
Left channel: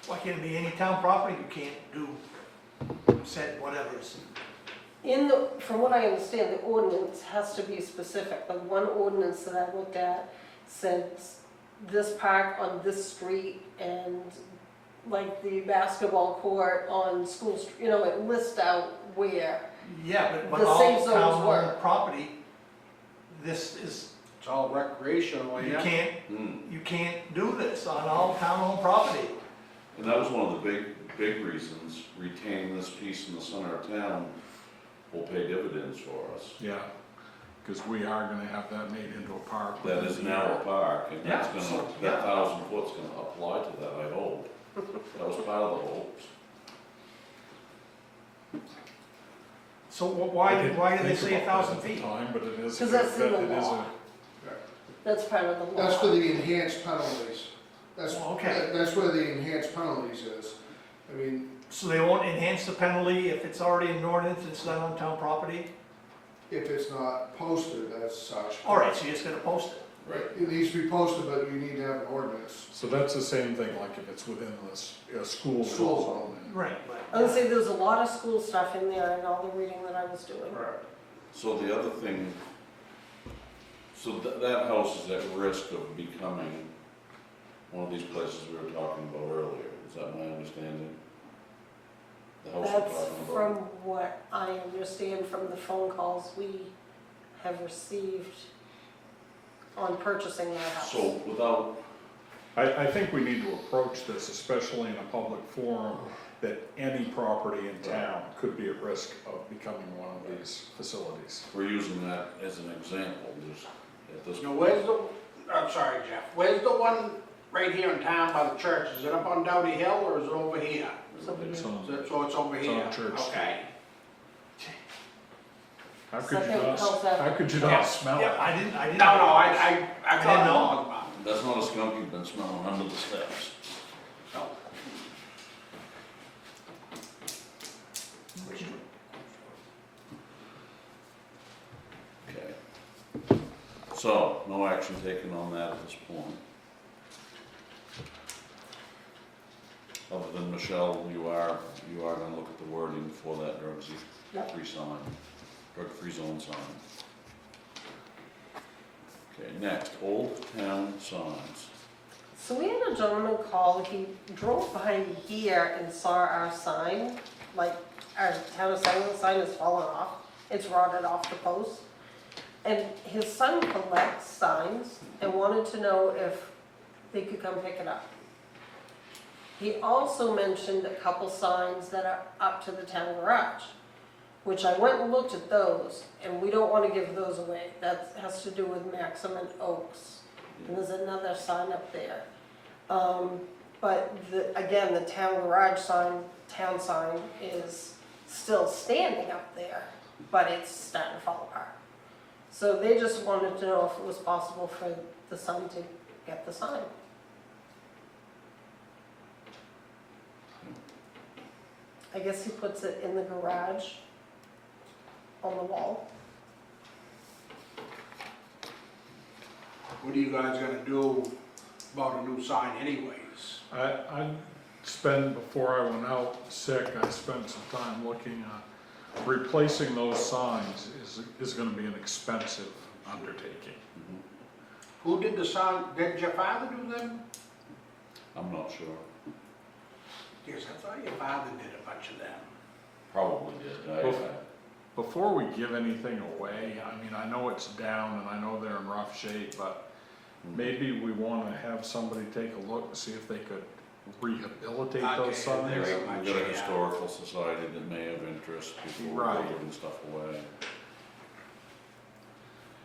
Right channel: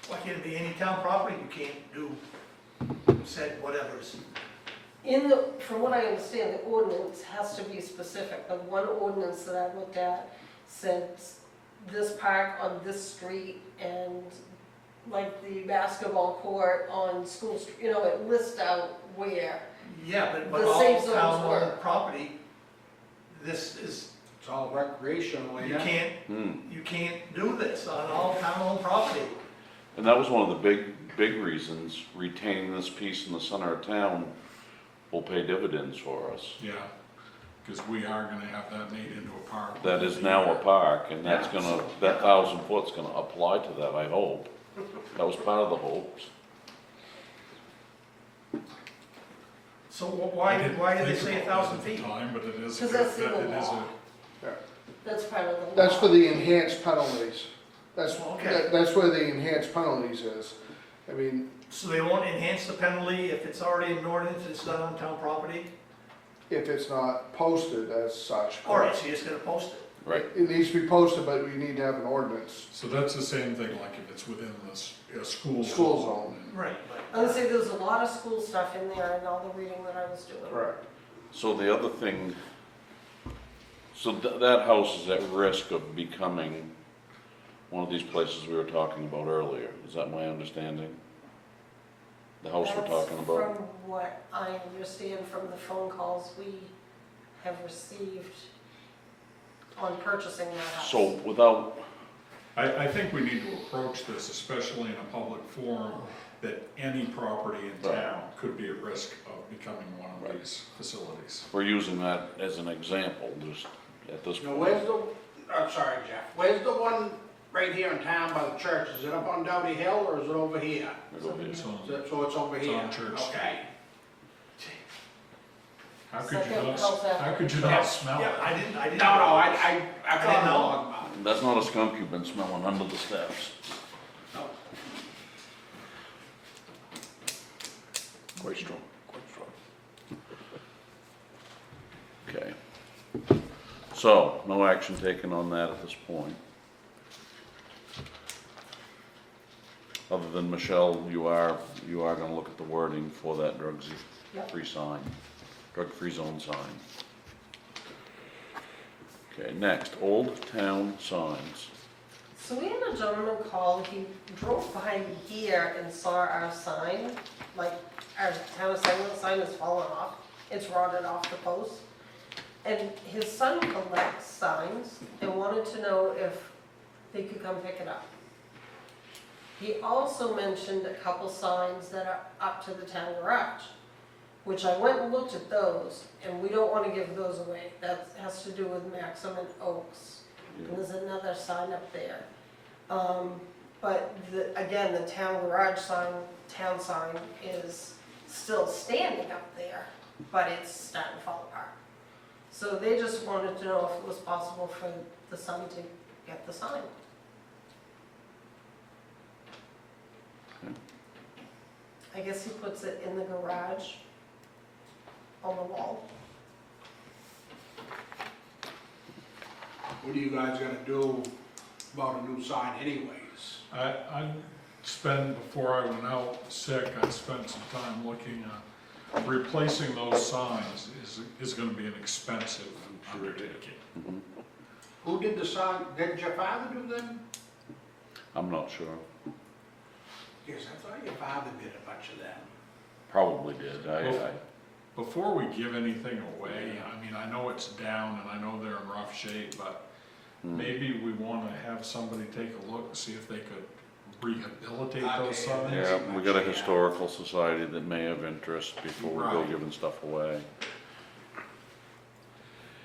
Why can't it be any town property you can't do said whatever's? From what I understand, the ordinance has to be specific. Like one ordinance that I looked at said this park on this street and like the basketball court on School Street, it lists out where. Yeah, but The safe all zones town-owned work. property, this is, It's all recreational, you yeah. can't do this on all town-owned property. And that was one of the big reasons retaining this piece in the center of town will pay dividends for us. Yeah, because we are gonna have that made into a park. That is now a park, and that's Yeah, gonna, so- that 1,000 foot's gonna apply to that, I hope. That was part of the hopes. So I why didn't did they think say about 1,000 that at the feet? time, but it is. 'Cause that's in the it is a- law. That's part of the law. That's for the enhanced penalties. Okay. That's where the enhanced penalties is. I mean, So they won't enhance the penalty if it's already in ordinance, it's done on town property? if it's not posted as such. All right, so you're just gonna post it. Right. It needs to be posted, but we need to have an ordinance. So that's the same thing, like if it's within this, a school School zone. zone. Right. I would say there's a lot of school stuff in there and all the reading that I was doing. Correct. So the other thing, so that house is at risk of becoming one of these places we were talking about earlier. Is that my understanding? The house we're talking That's about? from what I understand from the phone calls we have received on purchasing that house. So without, I think we need to approach this, especially in a public forum, that any property in town could be at risk of becoming one of these facilities. we're using that as an example, just at this Now, point. where's the, I'm sorry, Jeff, where's the one right here in town by the church? Is it up on Dowdy Hill or is it over here? It's on- So it's over It's here? on Church Street. Okay. How could you Second not, house after. how could you not smell Yeah, it? I didn't. No, I didn't caught know. on. That's not a skunk you've been smelling under the steps. Quite strong, quite strong. Okay. So, no action taken on that at this point. Other than Michelle, you are gonna look at the wording for that Yep. drug-free sign, drug-free zone sign. Okay, next, Old Town signs. So we had a gentleman call, he drove by here and saw our sign, like our town of Salem sign is fallen off, it's rotted off the post. And his son collects signs and wanted to know if they could come pick it up. He also mentioned a couple signs that are up to the town garage, which I went and looked at those, and we don't want to give those away. That has to do with Maxim and Oaks. And there's another sign up there. But again, the town garage sign, town sign is still standing up there, but it's starting to fall apart. So they just wanted to know if it was possible for the son to get the sign. I guess he puts it in the garage on the wall. What are you guys gonna do about a new sign anyways? I spent, before I went out sick, I spent some time looking at replacing those signs is gonna be an expensive undertaking. Who did the sign, did your father do them? I'm not sure. Yes, I thought your father did a bunch of them. Probably did. Before we give anything away, I mean, I know it's down and I know they're in rough shape, but maybe we wanna have somebody take a look and see if they could rehabilitate those signs. Yeah, we got a historical society that may have interest before we go Right. giving stuff away.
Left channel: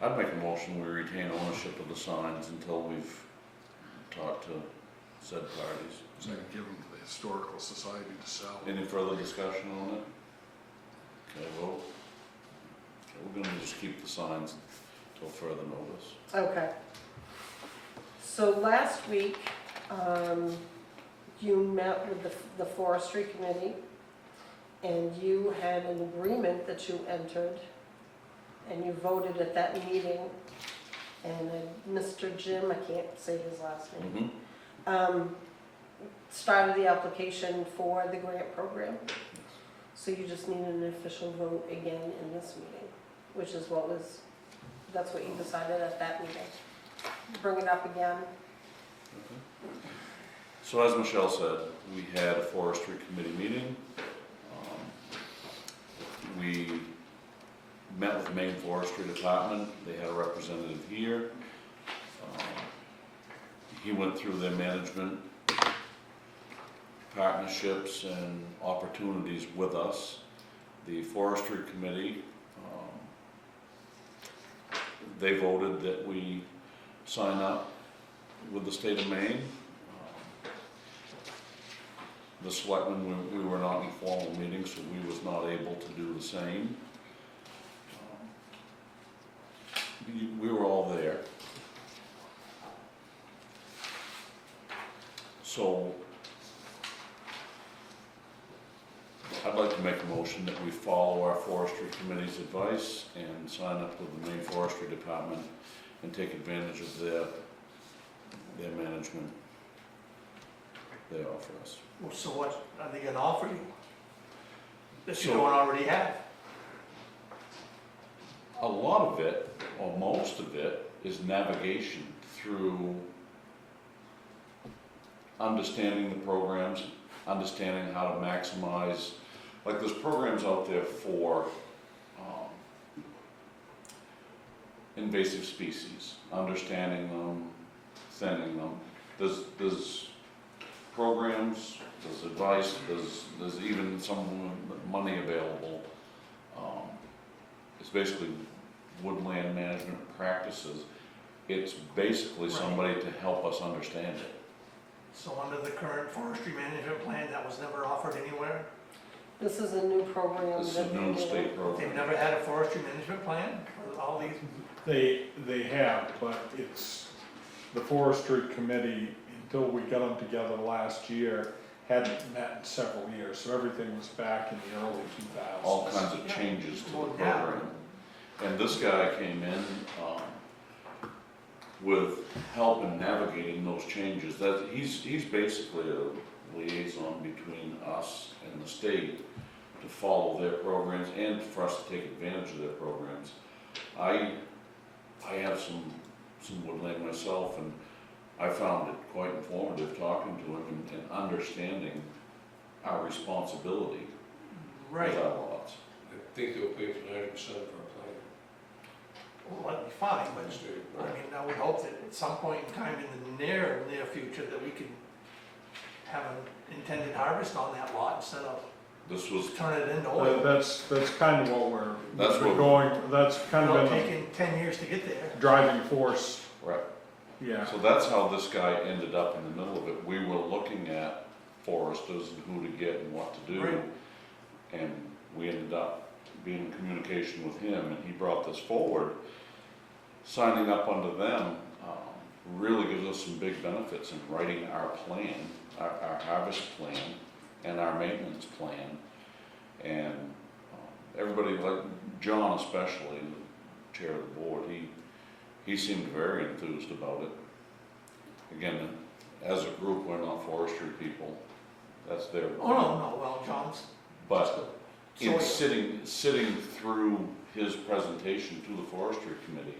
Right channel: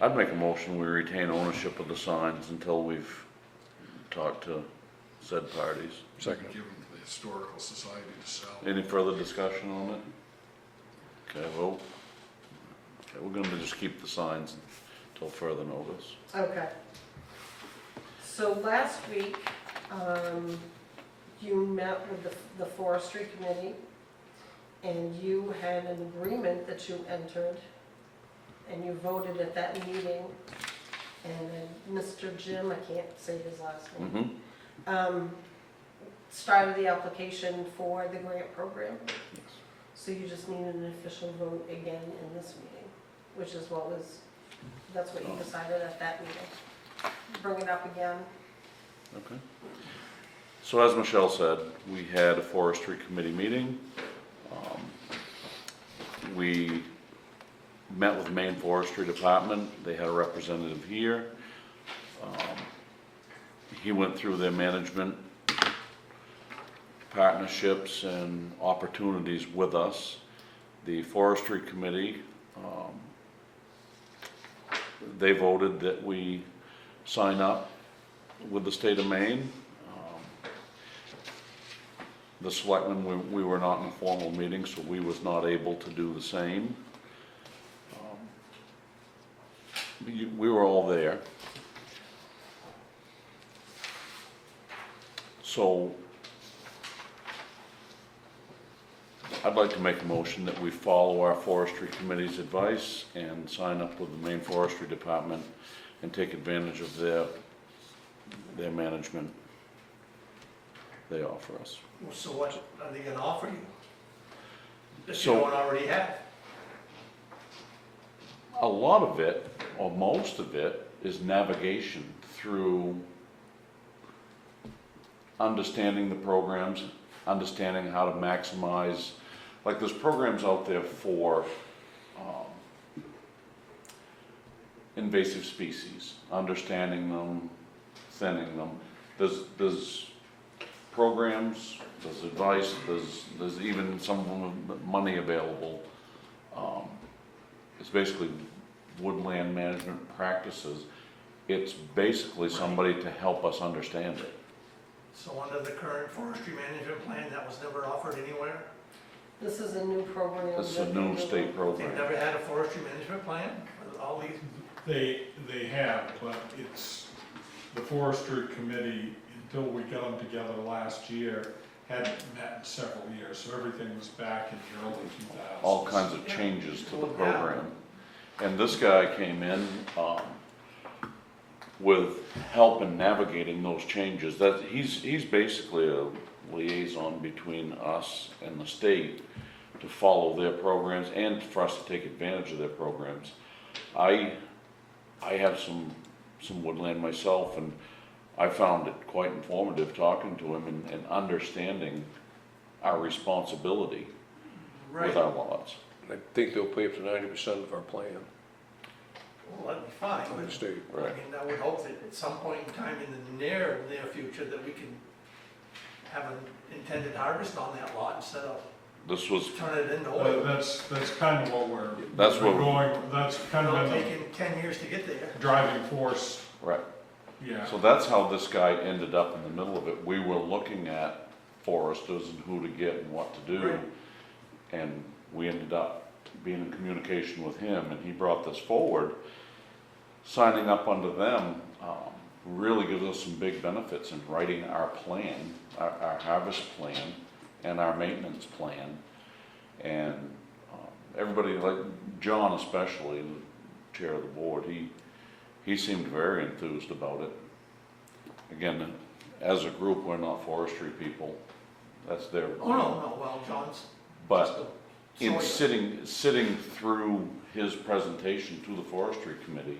I'd make a motion, we retain ownership of the signs until we've talked to said parties. So I can give them to the historical society to sell. Any further discussion on it? Okay, vote. Okay, we're gonna just keep the signs till further notice. Okay. So last week, you met with the forestry committee, and you had an agreement that you entered, and you voted at that meeting, and Mr. Jim, I can't say his last name, started the application for the grant program. So you just need an official vote again in this meeting, which is that's what you decided at that meeting. Bring it up again. Okay. So as Michelle said, we had a forestry committee meeting. We met with the Maine Forestry Department. They had a representative here. He went through their management partnerships and opportunities with us. The forestry committee, they voted that we sign up with the state of Maine. the selectmen, we were not in a formal meeting, so we was not able to do the same. We were all there. So I'd like to make a motion that we follow our forestry committee's advice and sign up with the Maine Forestry Department and take advantage of their management they offer us. So what are they gonna offer you? That you So- don't already have? A lot of it, or most of it, is navigation through understanding the programs, understanding how to maximize, like there's programs out there for invasive species, understanding them, thinning them. There's programs, there's advice, there's even some of them with money available. It's basically woodland management practices. It's basically somebody to help us understand it. So under the current forestry management plan, that was never offered anywhere? This is a new program. This is a new state They've program. never had a forestry management plan for all these? They have, but it's, the forestry committee, until we got them together last year, hadn't met in several years, so everything was back in the early 2000s. All kinds of changes to the program. And this guy came in, with help in navigating those changes. That, he's basically a liaison between us and the state to follow their programs and for us to take advantage of their programs. I have some woodland myself, and I found it quite informative talking to him and understanding our responsibility Right, with our lots. I think they'll pay for 90% of our plan, well, that'd be fine, by the but state. Right. I would hope that at some point in time in the near future that we can have an intended harvest on that lot instead of This was, turn it into oil. That's kind of what That's we're what- going, that's kind of It'll been take 10 years to get there. the driving force, right. yeah. So that's how this guy ended up in the middle of it. We were looking at foresters and who to get and what to do. Right. And we ended up being in communication with him, and he brought this forward. Signing up under them really gives us some big benefits in writing our plan, our harvest plan, and our maintenance plan. And everybody, like John especially, the chair of the board, he seemed very enthused about it. Again, as a group, we're not forestry people. That's their. Oh, no, well, John's. But in So- sitting through his presentation to the forestry committee,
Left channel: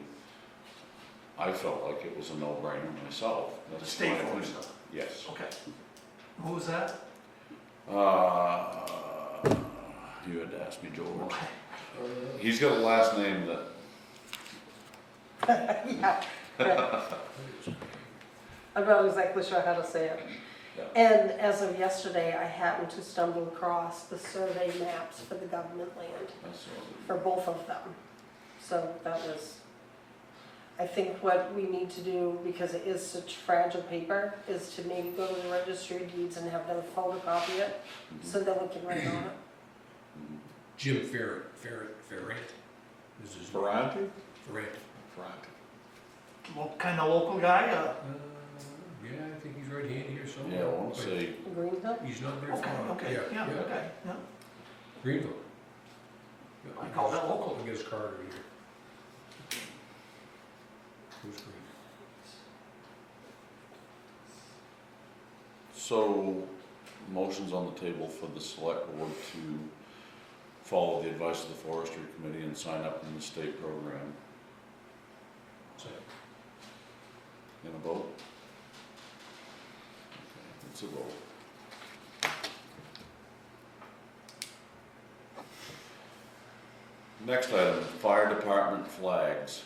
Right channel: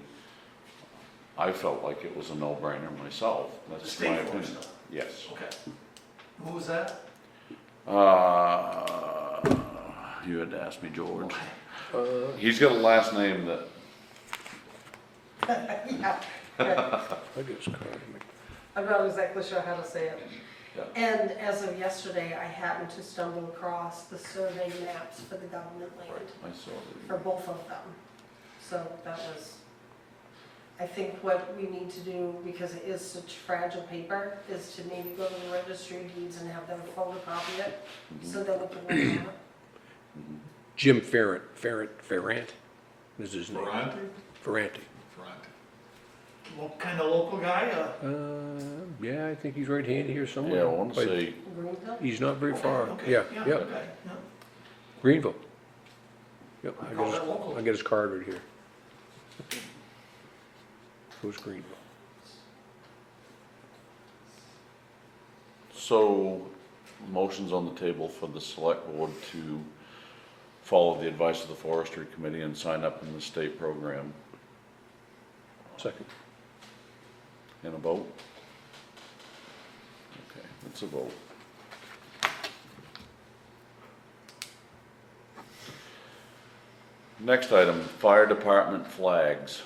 I felt like it was a no-brainer myself. That's State my opinion. forester. Yes. Okay. Who was that? You had to ask me, George. Okay. He's got a last name that, Yeah, right. I just called him. I'm not exactly sure how to say it. Yeah. And as of yesterday, I happened to stumble across the survey maps for the government land, I saw for both of them. So that was, I think what we need to do, because it is such fragile paper, is to maybe go to the registry of deeds and have them photocopy it, so that we can write on it. Jim Ferrant is his name. Ferranti? Ferranti. Ferranti. What kind of local guy? Yeah, I think he's right handy here it. somewhere. Yeah, I want to But say, Greenville? he's not very Okay, far. okay, Yeah, yeah, yeah, okay, yeah. Greenville. Yep, I call that local. I got his card right here. Who's Greenville? so, motion's on the table for the select board to follow the advice of the forestry committee and sign up in the state program. Second. In a vote? Okay, it's a vote. Next item, fire department flags.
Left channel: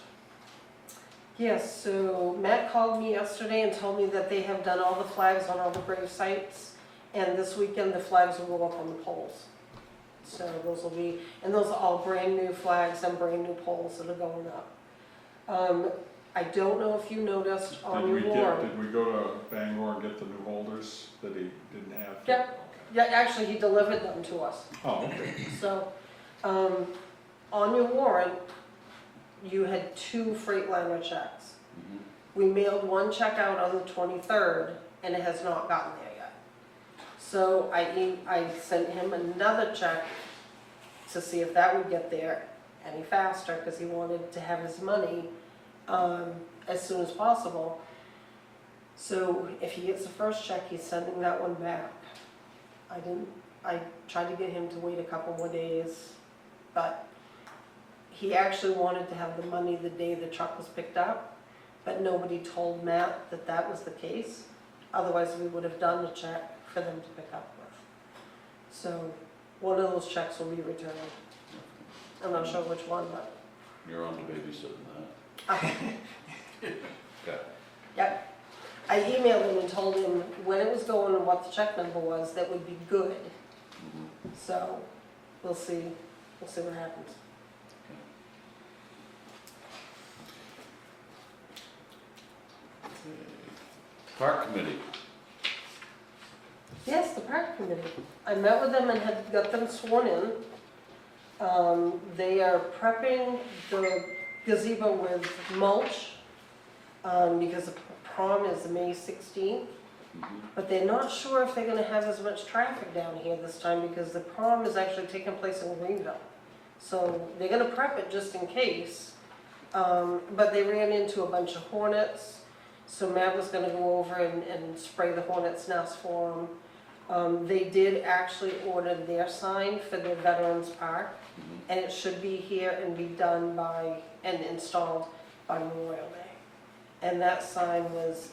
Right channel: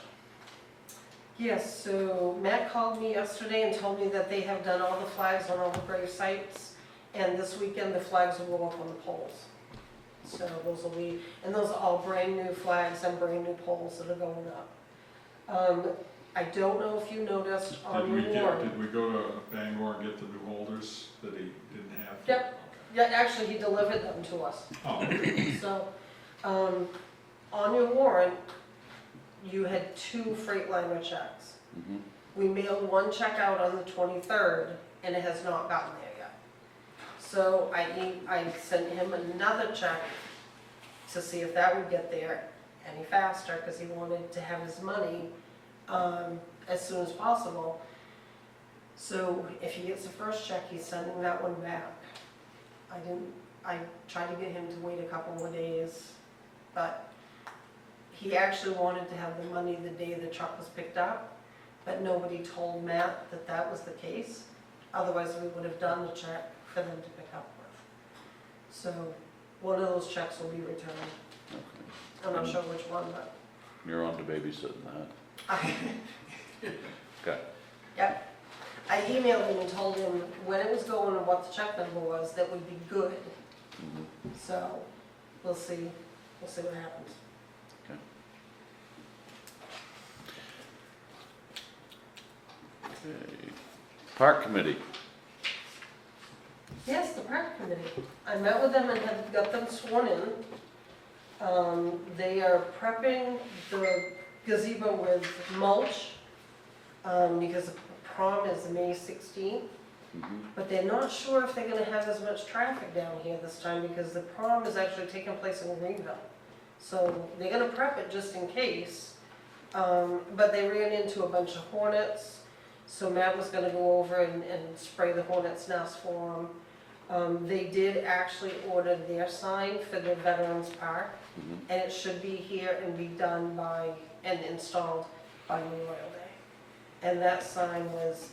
Yes, so Matt called me yesterday and told me that they have done all the flags on all the grave sites, and this weekend the flags will go up on the poles. So those will be, and those are all brand new flags and brand new poles that are going up. I don't know if you noticed on Did we Warren. go to Bangor and get the new holders that he didn't have? Yep. Okay. Yeah, actually, he delivered them to us. Oh, okay. So, on your warrant, you had 2 Freightliner checks. Mhm. We mailed one check out on the 23rd, and it has not gotten there yet. So I sent him another check to see if that would get there any faster, because he wanted to have his money as soon as possible. So if he gets the first check, he's sending that one back. I tried to get him to wait a couple more days, but he actually wanted to have the money the day the truck was picked up, but nobody told Matt that that was the case. Otherwise, we would have done the check for them to pick up with. So one of those checks will be returned. I'm not sure which one, but You're on to babysitting that. I, Okay. yep. I emailed him and told him when it was going and what the check number was, that would be good. Mhm. So we'll see what happens. Okay. Park Committee. Yes, the park committee. I met with them and had got them sworn in. They are prepping the gazebo with mulch, because the prom is May 16th. Mhm. But they're not sure if they're gonna have as much traffic down here this time, because the prom is actually taking place in Greenville. So they're gonna prep it just in case. But they ran into a bunch of hornets, so Matt was gonna go over and spray the hornet's nest for them. They did actually order their sign for the Veterans Park, Mhm. and it should be here and be done by, and installed by Memorial Day. And that sign was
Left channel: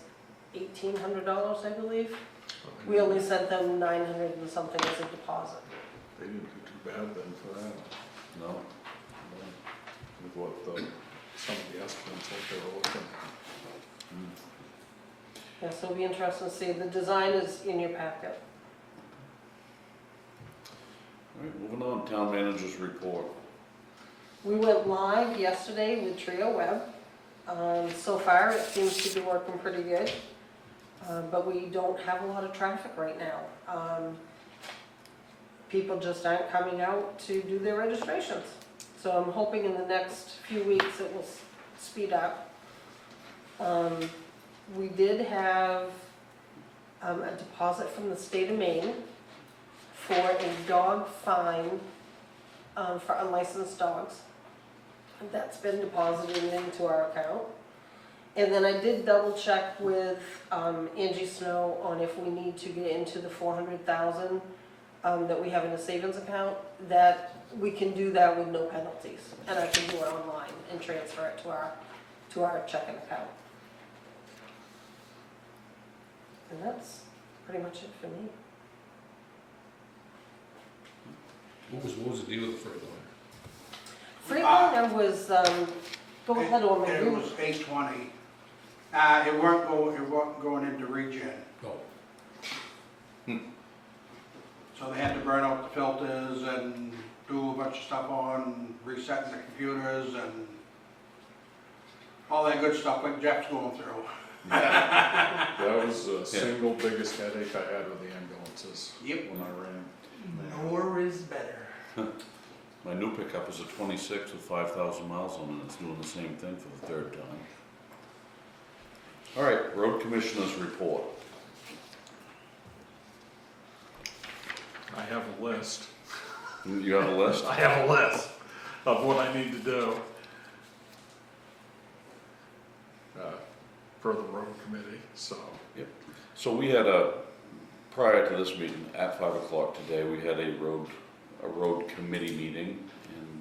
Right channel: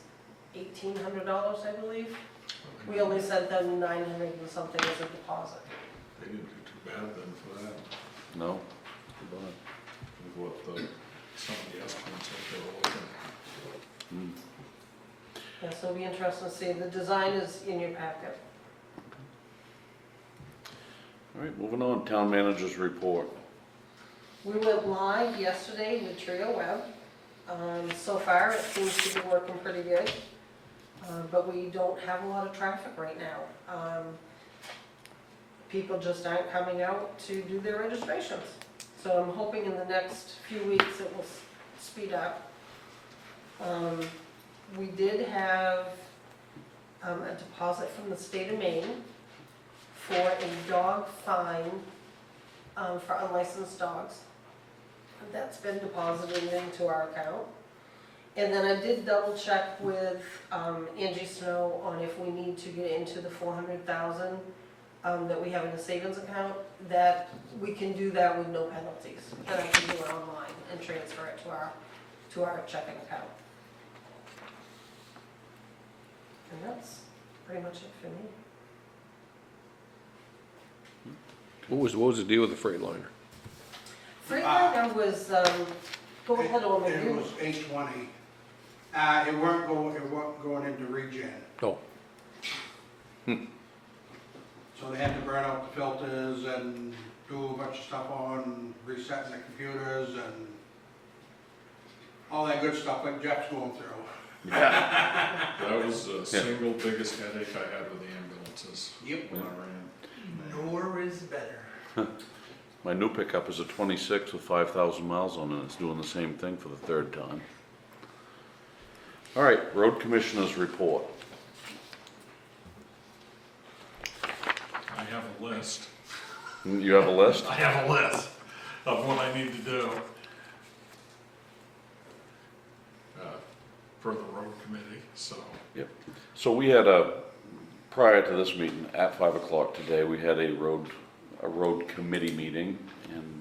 $1,800, I believe. We only sent them 900 and something as a deposit. They didn't do too bad then for that, No? with what some of the estimates that they were looking at. Mm. Yeah, so it'll be interesting to see. The design is in your packet. All right, moving on, Town Manager's Report. We went live yesterday with Trio Web. So far, it seems to be working pretty good, but we don't have a lot of traffic right now. People just aren't coming out to do their registrations. So I'm hoping in the next few weeks it will speed up. We did have a deposit from the state of Maine for a dog fine for unlicensed dogs. That's been deposited into our account. And then I did double check with Angie Snow on if we need to get into the 400,000 that we have in a savings account, that we can do that with no penalties. And I can do it online and transfer it to our checking account. And that's pretty much it for me. What was the deal with the Freightliner? Freightliner was, go ahead on my It was 820. It weren't going into regen. Oh, So they had to burn out the filters and do a bunch of stuff on resetting the computers and all that good stuff like Jeff's going through. That was the single biggest headache I had with the ambulances Yep. when I ran. More is better. My new pickup is a 26 with 5,000 miles on it. It's doing the same thing for the 3rd time. All right, Road Commissioner's Report. I have a list. You have a list? I have a list of what I need to do for the road committee, so. Yep. So we had prior to this meeting, at 5 o'clock today, we had a road committee meeting, and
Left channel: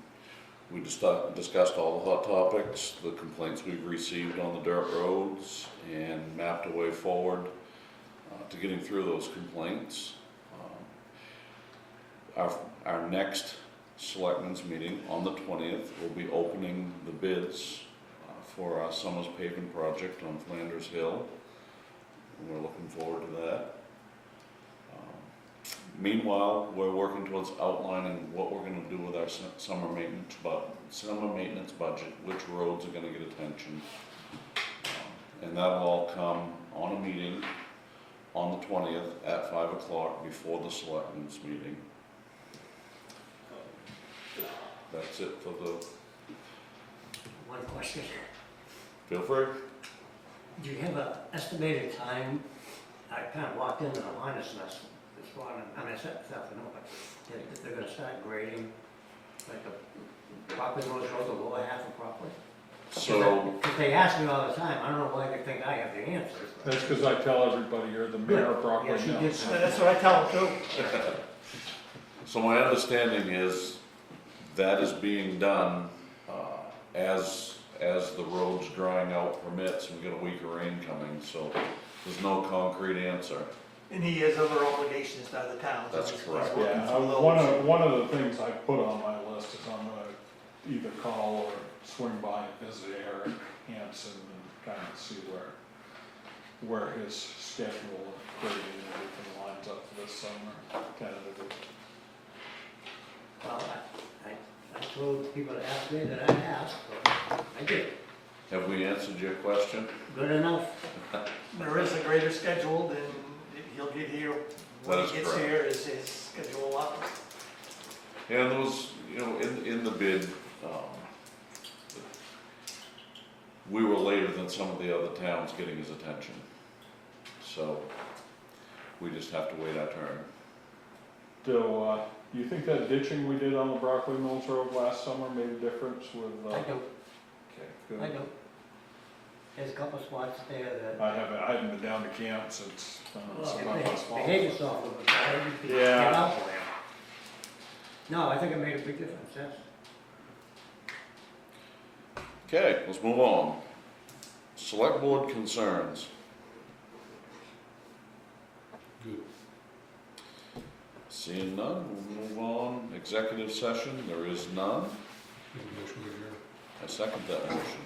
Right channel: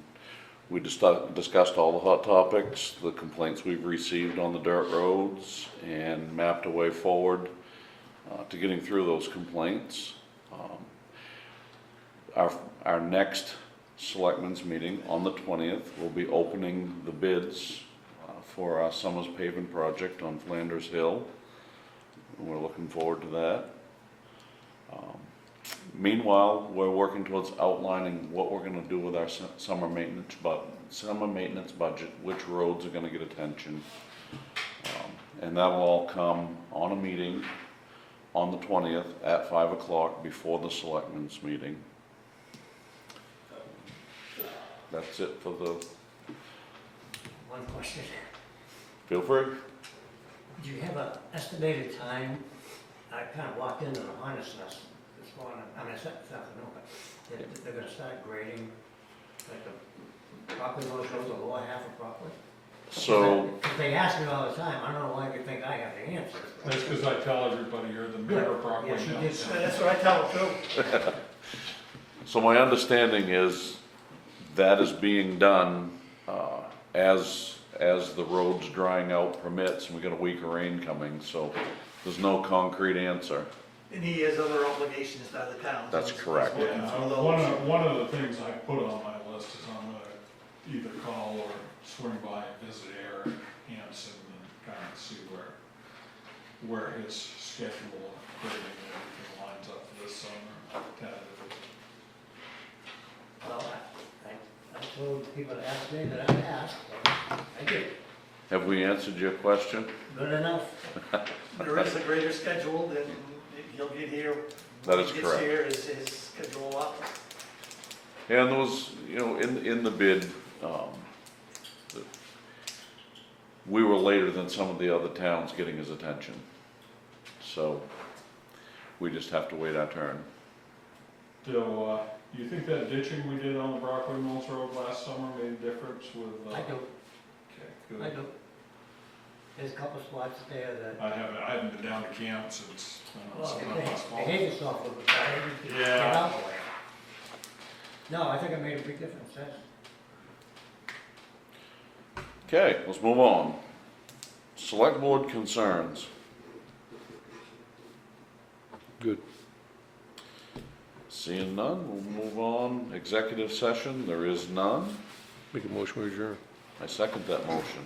we discussed all the hot topics, the complaints we've received on the dirt roads, and mapped a way forward to getting through those complaints. Our next selectmen's meeting on the 20th, we'll be opening the bids for our Summers paving project on Flanders Hill. And we're looking forward to that. Meanwhile, we're working towards outlining what we're gonna do with our summer maintenance budget, which roads are gonna get attention. And that'll all come on a meeting on the 20th at 5 o'clock before the selectmen's meeting. That's it for the, One question. feel free. Do you have an estimated time? I kind of walked into the honest mess this morning, I mean, I said this afternoon, but they're gonna start grading, like the Rockland Road, the lower half of Rockland? So, Because they ask me all the time, I don't know why they think I have the answers. That's because I tell everybody you're the mayor of Brockway Yeah, she now. did say. That's what I tell them too. so my understanding is that is being done, as the road's drying out permits, and we got a week of rain coming, so there's no concrete answer. And he has other obligations to other towns. That's correct. Yeah, one of the things I put on my list is I'm gonna either call or swing by and visit Eric Hansen and kind of see where his schedule of grading and everything lines up for this summer, tentatively. Well, I told people to ask me that I asked, but I did. Have we answered your question? Good enough. There is a greater schedule, then he'll get here. That is When correct. he gets here, his schedule allows. And there was, you know, in the bid, we were later than some of the other towns getting his attention. So, we just have to wait our turn. Do you think that ditching we did on the Brockway Mills Road last summer made a difference with? I do, Okay, good. I do. There's a couple spots there that, I haven't been down to camp since, well, last fall. behave yourself with the fire, you can Yeah. get out for it. No, I think it made a big difference, yes. Okay, let's move on. Select board concerns. Good. Seeing none, we'll move on. Executive session, there is none. Make a motion to adjourn. I second that motion.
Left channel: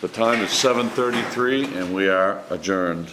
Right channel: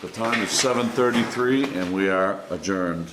The time is 7:33 and we are adjourned.